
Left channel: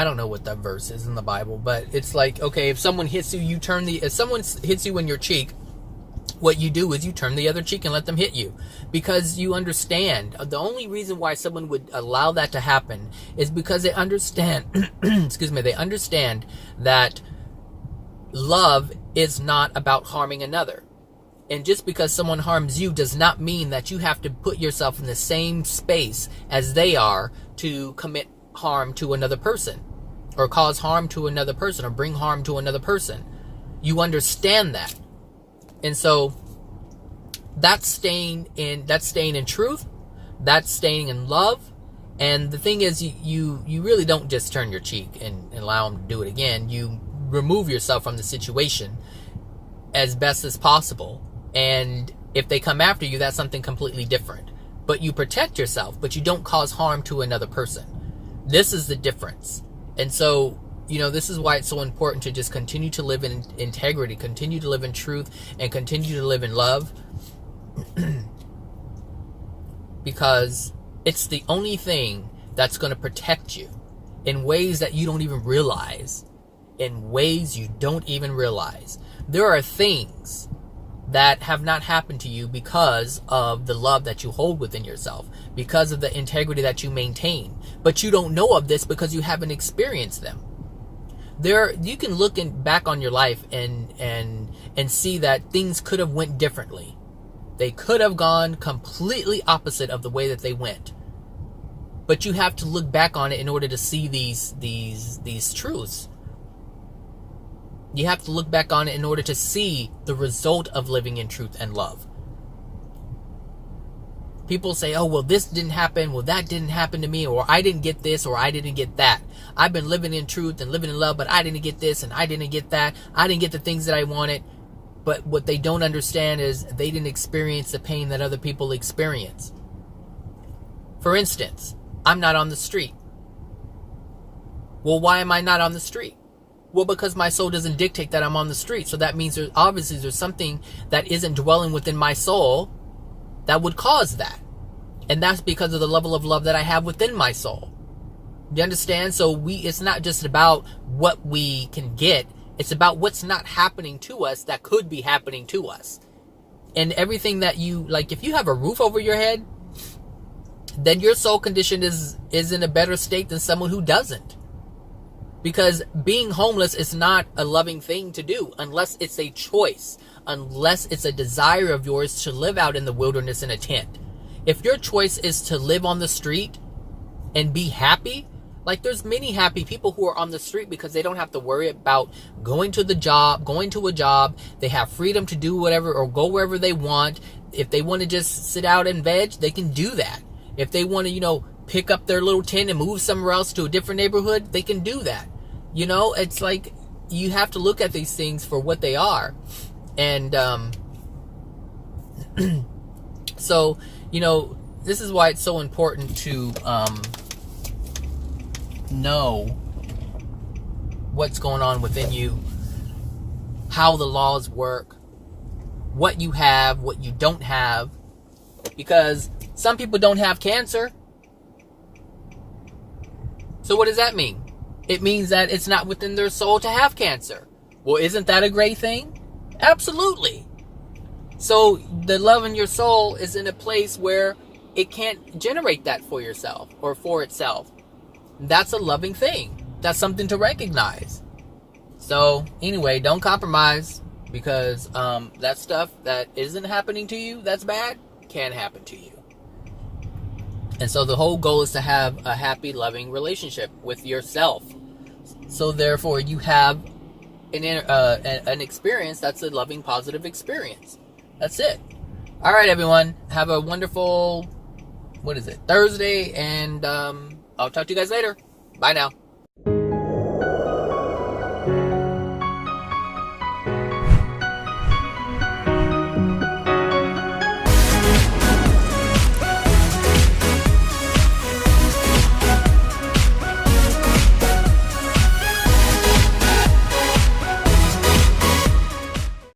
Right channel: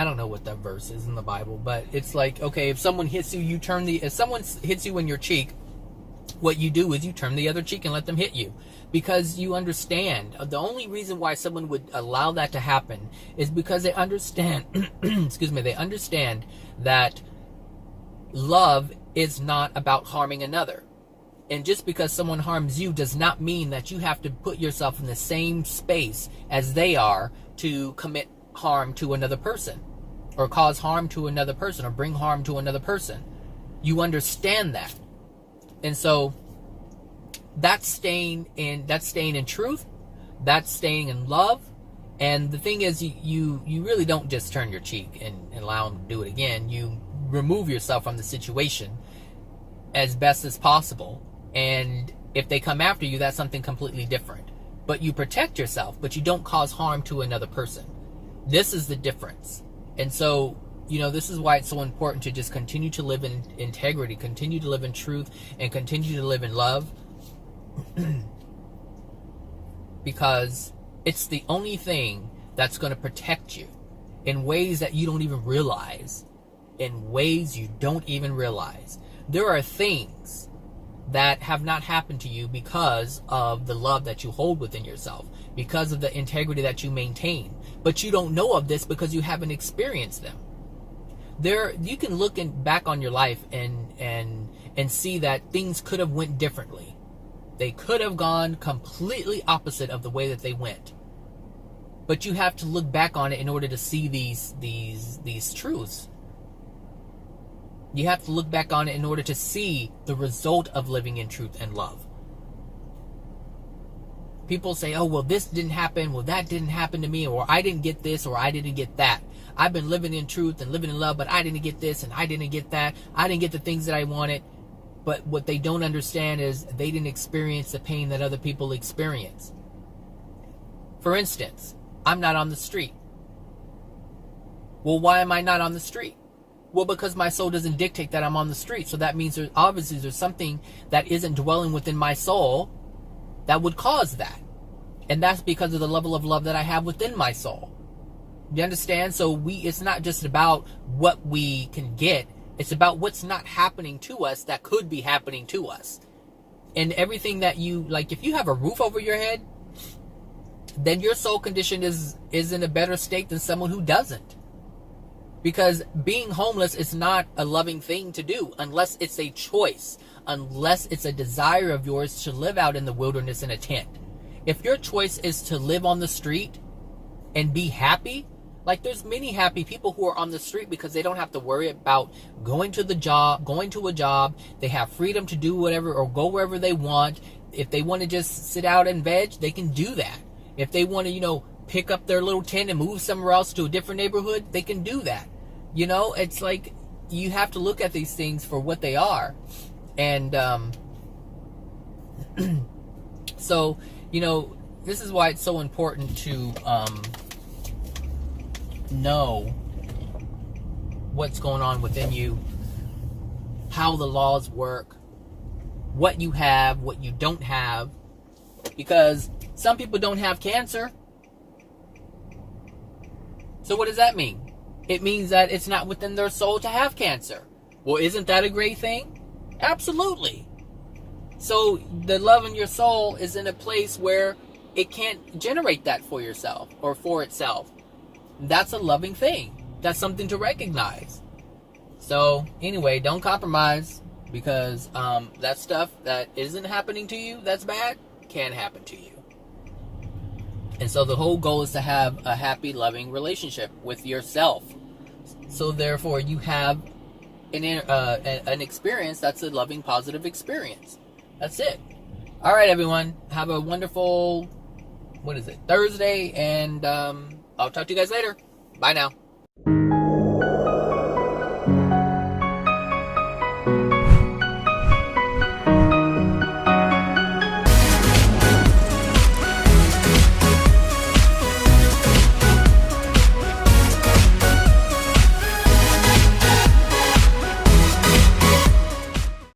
don't know what that verse is in the Bible, but it's like, okay, if someone hits you, if someone hits you in your cheek, what you do is you turn the other cheek and let them hit you, because you understand. The only reason why someone would allow that to happen is because they understand, they understand that love is not about harming another. And just because someone harms you does not mean that you have to put yourself in the same space as they are to commit harm to another person, or cause harm to another person, or bring harm to another person. You understand that. And so that's staying in truth, that's staying in love. And the thing is, you really don't just turn your cheek and allow them to do it again. You remove yourself from the situation as best as possible. And if they come after you, that's something completely different. But you protect yourself, but you don't cause harm to another person. This is the difference. And so, this is why it's so important to just continue to live in integrity, continue to live in truth, and continue to live in love. Because it's the only thing that's going to protect you in ways that you don't even realize. In ways you don't even realize. There are things that have not happened to you because of the love that you hold within yourself, because of the integrity that you maintain. But you don't know of this because you haven't experienced them. You can look back on your life and see that things could have went differently. They could have gone completely opposite of the way that they went. But you have to look back on it in order to see these truths. You have to look back on it in order to see the result of living in truth and love. People say, oh, well, this didn't happen, well, that didn't happen to me, or I didn't get this, or I didn't get that. I've been living in truth and living in love, but I didn't get this, and I didn't get that. I didn't get the things that I wanted. But what they don't understand is they didn't experience the pain that other people experience. For instance, I'm not on the street. Well, why am I not on the street? Well, because my soul doesn't dictate that I'm on the street. So that means there's something that isn't dwelling within my soul that would cause that. And that's because of the level of love that I have within my soul. You understand? So it's not just about what we can get. It's about what's not happening to us that could be happening to us. And everything that if you have a roof over your head, then your soul condition is in a better state than someone who doesn't. Because being homeless is not a loving thing to do unless it's a choice, unless it's a desire of yours to live out in the wilderness in a tent. If your choice is to live on the street and be happy, Like, there's many happy people who are on the street because they don't have to worry about going to a job. They have freedom to do whatever or go wherever they want. If they want to just sit out and veg, they can do that. If they want to, pick up their little tent and move somewhere else to a different neighborhood, they can do that. It's like, you have to look at these things for what they are. And so, this is why it's so important to know what's going on within you, how the laws work, what you have, what you don't have. Because some people don't have cancer. So what does that mean? It means that it's not within their soul to have cancer. Well, isn't that a great thing? Absolutely. So the love in your soul is in a place where it can't generate that for yourself or for itself. That's a loving thing. That's something to recognize. So anyway, don't compromise, because that stuff that isn't happening to you, that's bad, can happen to you. And so the whole goal is to have a happy, loving relationship with yourself. So therefore, you have an experience that's a loving, positive experience. That's it. All right, everyone. Have a wonderful, Thursday, and I'll talk to you guys later. Bye now.